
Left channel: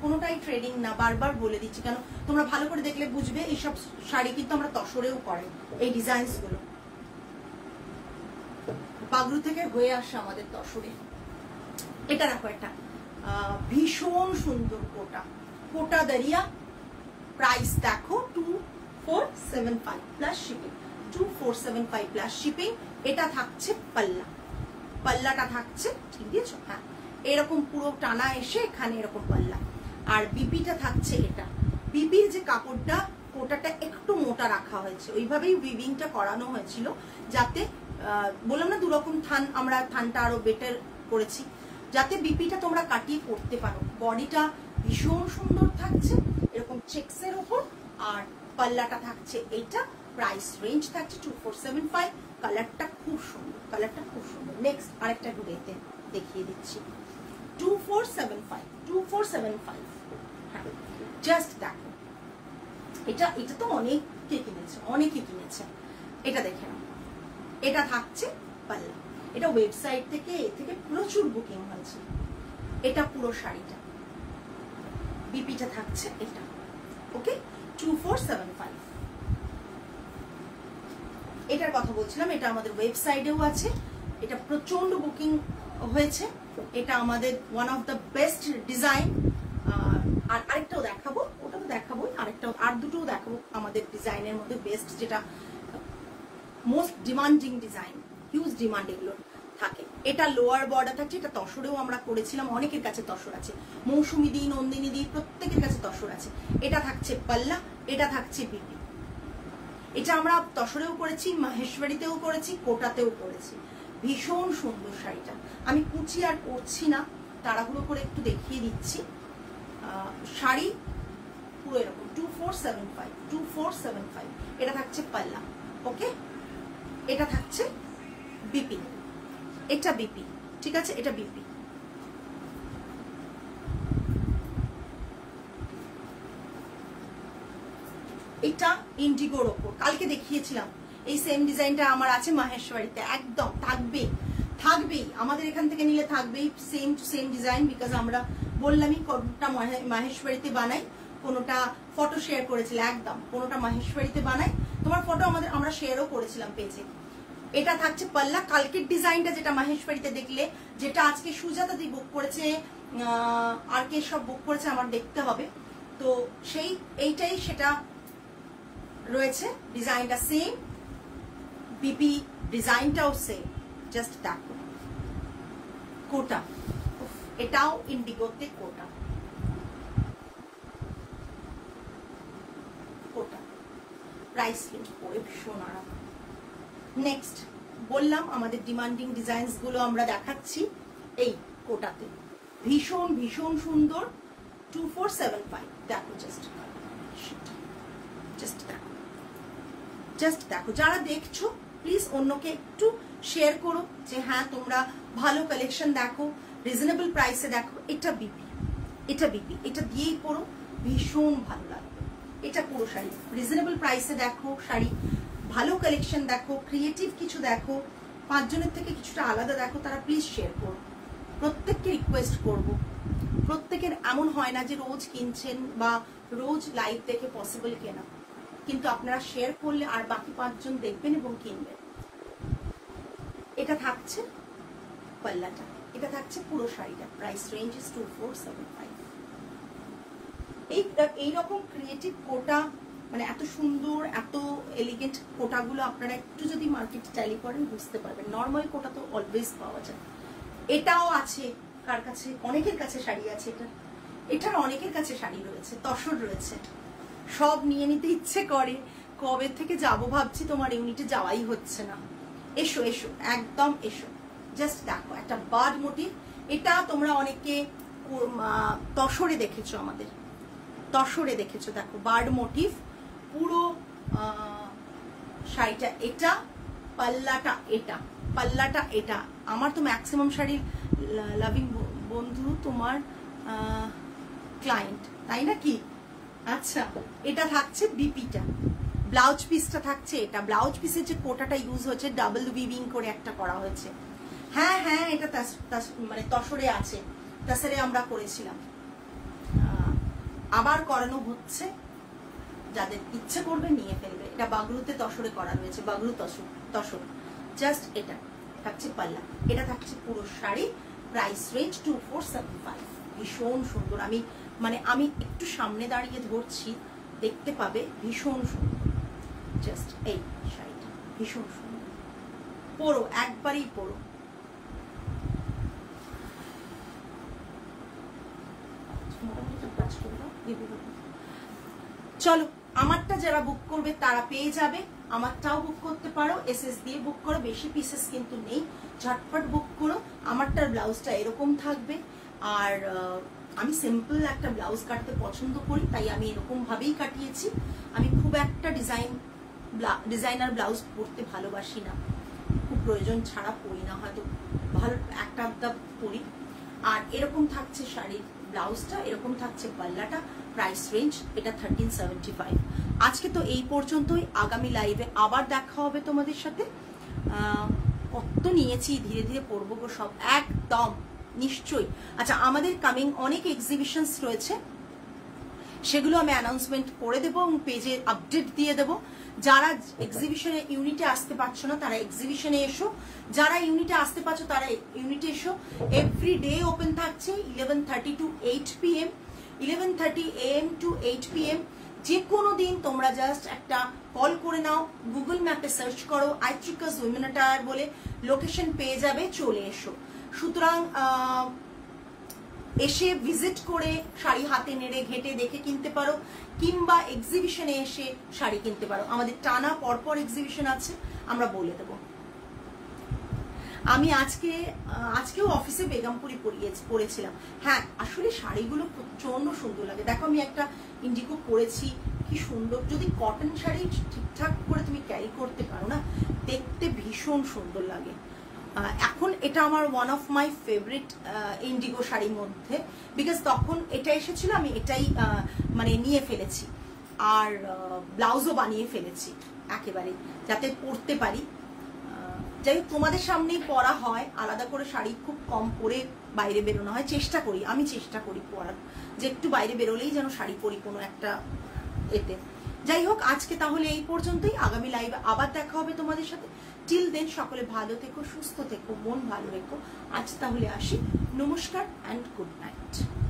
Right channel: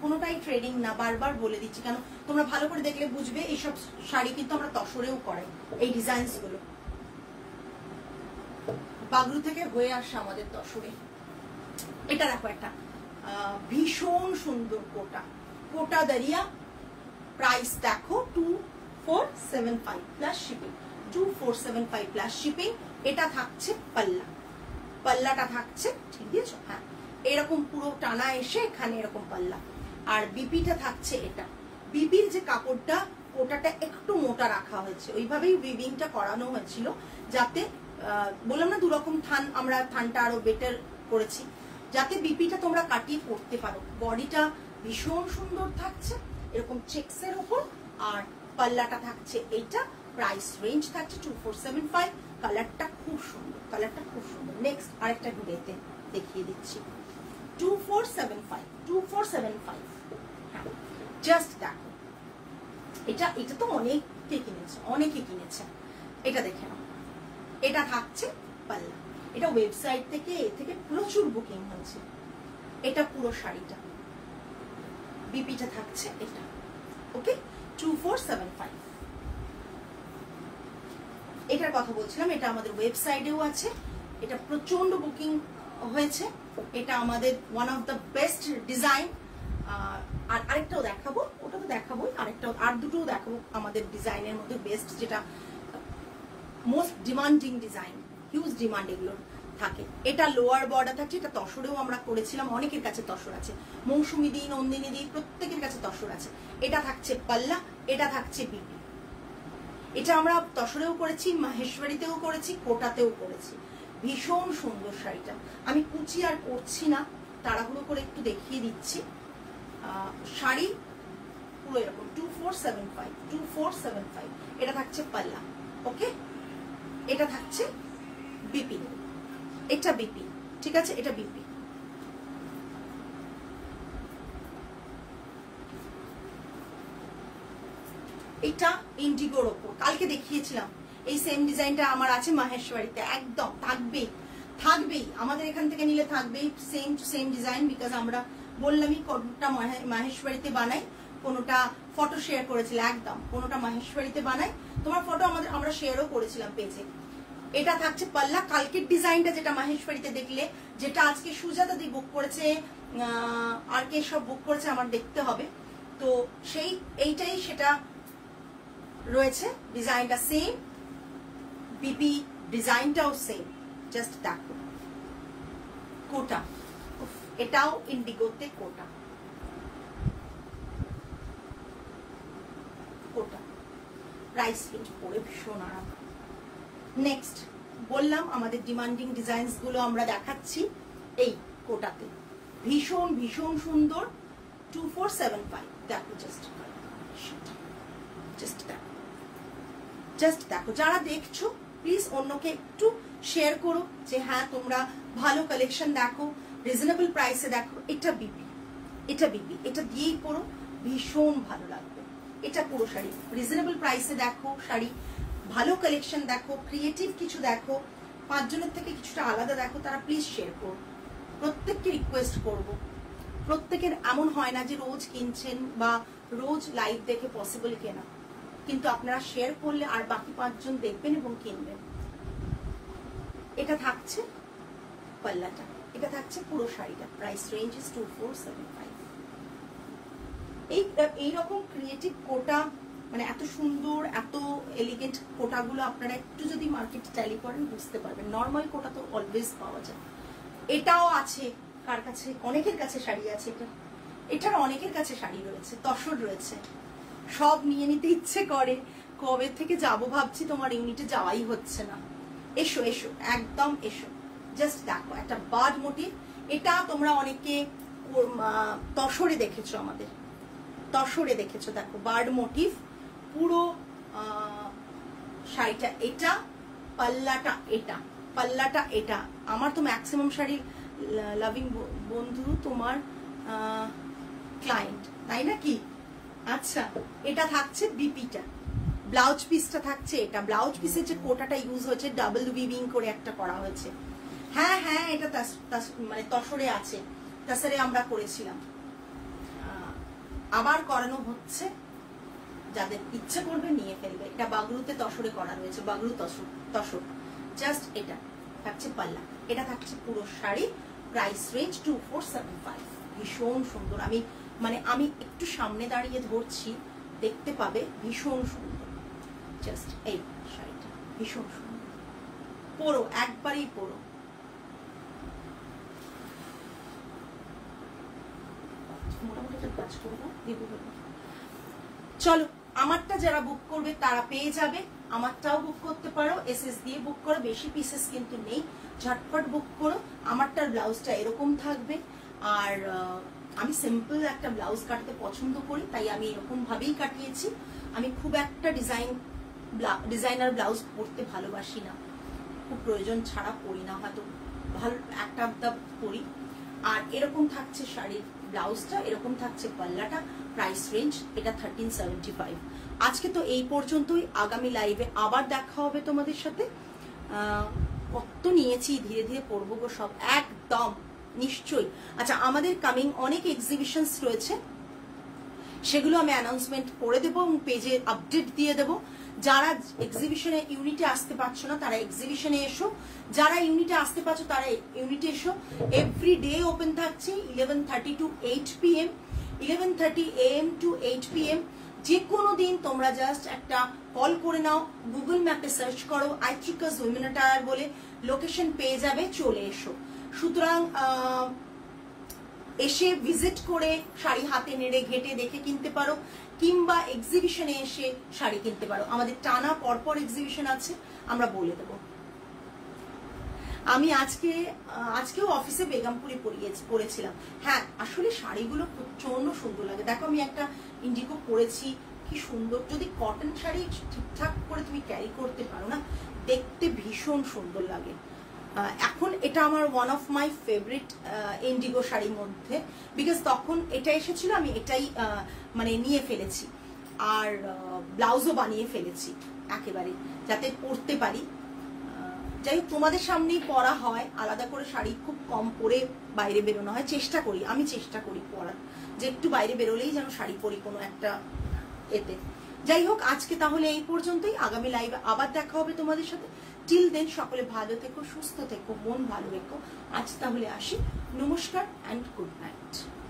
কোনোটাই ট্রেডিং না, বারবার বলে দিচ্ছি, কেন তোমরা ভালো করে দেখলে বুঝবে এইসব শাড়ি কিন্তু আমরা তসরেও করাই, এই ডিজাইনস গুলো বাগরু থেকে হয়ে আসে আমাদের তসরে। এটা দেখো একটা ভীষণ সুন্দর কোটা, কোটা দাঁড়িয়া, প্রাইস দেখো 2475 প্লাস শিপিং, 2475 প্লাস শিপিং। এটা থাকছে পাল্লা, পাল্লাটা থাকছে, ঠিক দিয়েছো? হ্যাঁ, এরকম পুরো টানা এসে এখানে এরকম পাল্লা, আর বিপিটা থাকছে এটা। বিপির যে কাপড়টা, কোটাটা একটু মোটা রাখা হয়েছে, ওইভাবেই উইভিংটা করানো হয়েছিল, যাতে বললাম না দুরকম থান, আমরা থানটা আরো বেটার করেছি, যাতে বিপিটা তোমরা কাটিয়ে পড়তে পারো। বডিটা ভীষণ সুন্দর থাকছে এরকম চেক্সের উপর, আর পাল্লাটা থাকছে এইটা। প্রাইস রেঞ্জ থাকছে 2475। কালারটা খুব সুন্দর, কালারটা খুব সুন্দর। নেক্সট আরেকটা ঘুরেতে দেখিয়ে দিচ্ছি, 2475। হ্যাঁ, জাস্ট দেখো, এটা তো অনেকে কিনেছে, অনেকে কিনেছে। এটা দেখে নাও, এটা থাকছে পাল্লা। এটা ওয়েবসাইট থেকে প্রচুর বুকিং হয়েছে। এটা পুরো শাড়িটা, বিপিটা থাকছে এটা। ওকে, 2475। এটার কথা বলছিলাম, এটা আমাদের ওয়েবসাইটেও আছে, এটা প্রচন্ড বুকিং হয়েছে। এটা আমাদের one of the best design. আর আরেকটাও দেখাবো, ওটা তো দেখাবোই, আরেকটাও, আর দুটোও দেখাবো আমাদের ডিজাইনের মধ্যে বেস্ট, যেটা most demanding design, huge demand এগুলো থাকে। এটা লোয়ার বর্ডার থাকছে, এটা তসরেও আমরা করেছিলাম, অনেকের কাছে তসর আছে, মৌসুমী দি, নন্দিনী দি, প্রত্যেকের কাছে তসর আছে। এটা থাকছে পাল্লা, এটা থাকছে বিপি। এটা আমরা তসরেও করেছি, মাহেশ্বরীতেও করেছি, কোটাতেও করেছি। ভীষণ সুন্দর শাড়িটা। আমি কুচি আর করছি না, তাড়াহুড়ো করে একটু দেখিয়ে দিচ্ছি। শাড়ি পুরো এরকম 2475। এটা থাকছে পাল্লা। ওকে, এটা থাকছে বিপি, এটা বিপি, ঠিক আছে, এটা বিপি। এটা ইন্ডিগোর ওপর কালকে দেখিয়েছিলাম, এই সেম ডিজাইনটা আমার আছে মাহেশ্বরীতে, একদম থাকবেই আমাদের এখান থেকে নিলে থাকবেই same to same design, because আমরা বললামই কোনটা মাহেশ্বরীতে বানাই, কোনটা ফটো শেয়ার করেছিল, একদম কোনটা মাহেশ্বরীতে বানাই, তোমার ফটো আমরা শেয়ারও করেছিলাম পেজে। এটা থাকছে পাল্লা। কালকের ডিজাইনটা যেটা মাহেশ্বরীতে দেখলে, যেটা আজকে সুজাতা দি বুক করেছে, আর কে সব বুক করেছে আমার দেখতে হবে, তো এইটাই সেটা রয়েছে। ডিজাইনটা সেম, বিপি ডিজাইনটাও সেম। জাস্ট দেখো কোটা, এটাও ইন্ডিগোতে কোটা, প্রাইস রেঞ্জ পড়ে ভীষণ আরাম। নেক্সট বললাম আমাদের ডিমান্ডিং ডিজাইনস গুলো আমরা দেখাচ্ছি এই কোটাতে, ভীষণ ভীষণ সুন্দর। 2475। দেখো, জাস্ট দেখো, যারা দেখছো প্লিজ অন্যকে একটু শেয়ার করো, যে হ্যাঁ তোমরা ভালো কালেকশন দেখো, রিজনেবল প্রাইসে দেখো। এটা বিপি, এটা দিয়েই পড়ো, ভীষণ ভালো লাগবে। এটা পুরো শাড়ি রিজনেবল প্রাইসে দেখো, শাড়ি ভালো কালেকশন দেখো, ক্রিয়েটিভ কিছু দেখো, 5 জনের থেকে কিছুটা আলাদা দেখো, তারা প্লিজ শেয়ার করো। প্রত্যেককে রিকোয়েস্ট করব, প্রত্যেকের এমন হয় না যে রোজ কিনছেন বা রোজ লাইভ দেখে পসিবল কেনা, কিন্তু আপনারা শেয়ার করলে আর বাকি 5 জন দেখবেন এবং কিনবেন। এটা থাকছে পাল্লাটা, এটা থাকছে পুরো শাড়িটা। Price range is 2475। এইরকম ক্রিয়েটিভ কোটা, মানে এত সুন্দর এত এলিগেন্ট কোটাগুলো আপনারা একটু যদি মার্কেট ট্যালি করেন বুঝতে পারবেন। নর্মাল কোটা তো অলওয়েজ পাওয়া যায়। এটাও আছে কার কাছে, অনেকের কাছে শাড়ি আছে, এটার অনেকের কাছে শাড়ি রয়েছে, তসর রয়েছে, সব নিয়ে নিতে ইচ্ছে করে। কবে থেকে যাবো ভাবছি, তোমার ইউনিটে যাওয়াই হচ্ছে না। এসো এসো, একদম এসো। জাস্ট দেখো একটা বার্ড মোটিভ, এটা তোমরা অনেকে তসরে দেখেছো, আমাদের তসরে দেখেছো। দেখো বার্ড মোটিভ পুরো শাড়িটা, এটা পাল্লাটা, এটা আমার তো ম্যাক্সিমাম শাড়ির লাভিং বন্ধু তোমার ক্লায়েন্ট, তাই না কি? আচ্ছা, এটা থাকছে বিপিটা, ব্লাউজ পিসটা থাকছে এটা। ব্লাউজ পিসের যে কোটাটা ইউজ হয়েছে, ডাবল উইভিং করে একটা করা হয়েছে। হ্যাঁ হ্যাঁ, এটা মানে তসরে আছে, তসরে আমরা করেছিলাম। আবার করানো হচ্ছে, যাদের ইচ্ছে করবে নিয়ে ফেলবে। এটা বাগরুতে তসরে করানো হয়েছে, বাগরু তসর। জাস্ট এটা থাকছে পাল্লা, এটা থাকছে পুরো শাড়ি। Price range 2475। ভীষণ সুন্দর। আমি একটু সামনে দাঁড়িয়ে ধরছি, দেখতে পাবে, ভীষণ সুন্দর। জাস্ট এই শাড়িটা ভীষণ সুন্দর, পরো, একবারই পরো। চলো, আমারটা যারা বুক করবে তারা পেয়ে যাবে, আমারটাও বুক করতে পারো, এসএস দিয়ে বুক করো, বেশি পিসেস কিন্তু নেই, ঝটপট বুক করো। আমারটার ব্লাউজটা এরকম থাকবে, আর আমি সিম্পল একটা ব্লাউজ কাটতে পছন্দ করি, তাই আমি এরকম ভাবেই কাটিয়েছি। আমি খুব একটা ডিজাইনার ব্লাউজ পরতে ভালোবাসি না, খুব প্রয়োজন ছাড়া পরি না, হয়তো ভালো একটা পরি। আর এরকম থাকছে শাড়ির ব্লাউজটা, এরকম থাকছে পাল্লাটা। প্রাইস রেঞ্জ এটা 1375। আজকে তো এই পর্যন্তই, আগামী লাইভে আবার দেখা হবে তোমাদের সাথে। কত নিয়েছি, ধীরে ধীরে পড়বো গো সব, একদম নিশ্চয়ই। আচ্ছা, আমাদের কামিং অনেক এক্সিবিশনস রয়েছে, সেগুলো আমি অ্যানাউন্সমেন্ট করে দেবো এবং পেজে আপডেট দিয়ে দেবো। যারা এক্সিবিশনে ইউনিটে আসতে পারছো না তারা এক্সিবিশনে এসো, যারা ইউনিটে আসতে পারছো তারা ইউনিটে এসো। এভরি ডে ওপেন থাকছে 11:30 to 8 PM, 11:30 AM to 8 PM। যে কোনো দিন তোমরা জাস্ট একটা কল করে নাও, গুগল ম্যাপে সার্চ করো আইট্রিকাস উইমেন অ্যাটায়ার বলে, লোকেশন পেয়ে যাবে, চলে এসো। সুতরাং এসে ভিজিট করে শাড়ি হাতে নেড়ে ঘেটে দেখে কিনতে পারো, কিংবা এক্সিবিশনে এসে শাড়ি কিনতে পারো। আমাদের টানা পরপর এক্সিবিশন আছে, আমরা বলে দেবো। আমি আজকেও অফিসে বেগমপুরি পরেছিলাম। হ্যাঁ, আসলে শাড়িগুলো প্রচন্ড সুন্দর লাগে। দেখো, আমি একটা ইন্ডিগো পরেছি, কি সুন্দর। যদি কটন শাড়ি ঠিকঠাক করে তুমি ক্যারি করতে পারো না, দেখতে ভীষণ সুন্দর লাগে। এখন এটা আমার one of my favourite Indigo শাড়ির মধ্যে, বিকজ তখন এটা এসেছিল, আমি এটাই নিয়ে ফেলেছি, আর ব্লাউজও বানিয়ে ফেলেছি একেবারে, যাতে পরতে পারি। যাই হোক, তোমাদের সামনেই পরা হয়, আলাদা করে শাড়ি খুব কম পরে বাইরে বেরোনো হয়। আমি চেষ্টা করি পরার, যে একটু বাইরে বেরোলেই যেন শাড়ি পরি কোনো একটা এতে। যাই হোক, আজকে তাহলে এই পর্যন্তই, আগামী লাইভে আবার দেখা হবে তোমাদের সাথে। টিল দেন সকলে ভালো থেকো, সুস্থ থেকো, মন ভালো রেখো। আজ তাহলে আসি, নমস্কার অ্যান্ড গুড নাইট।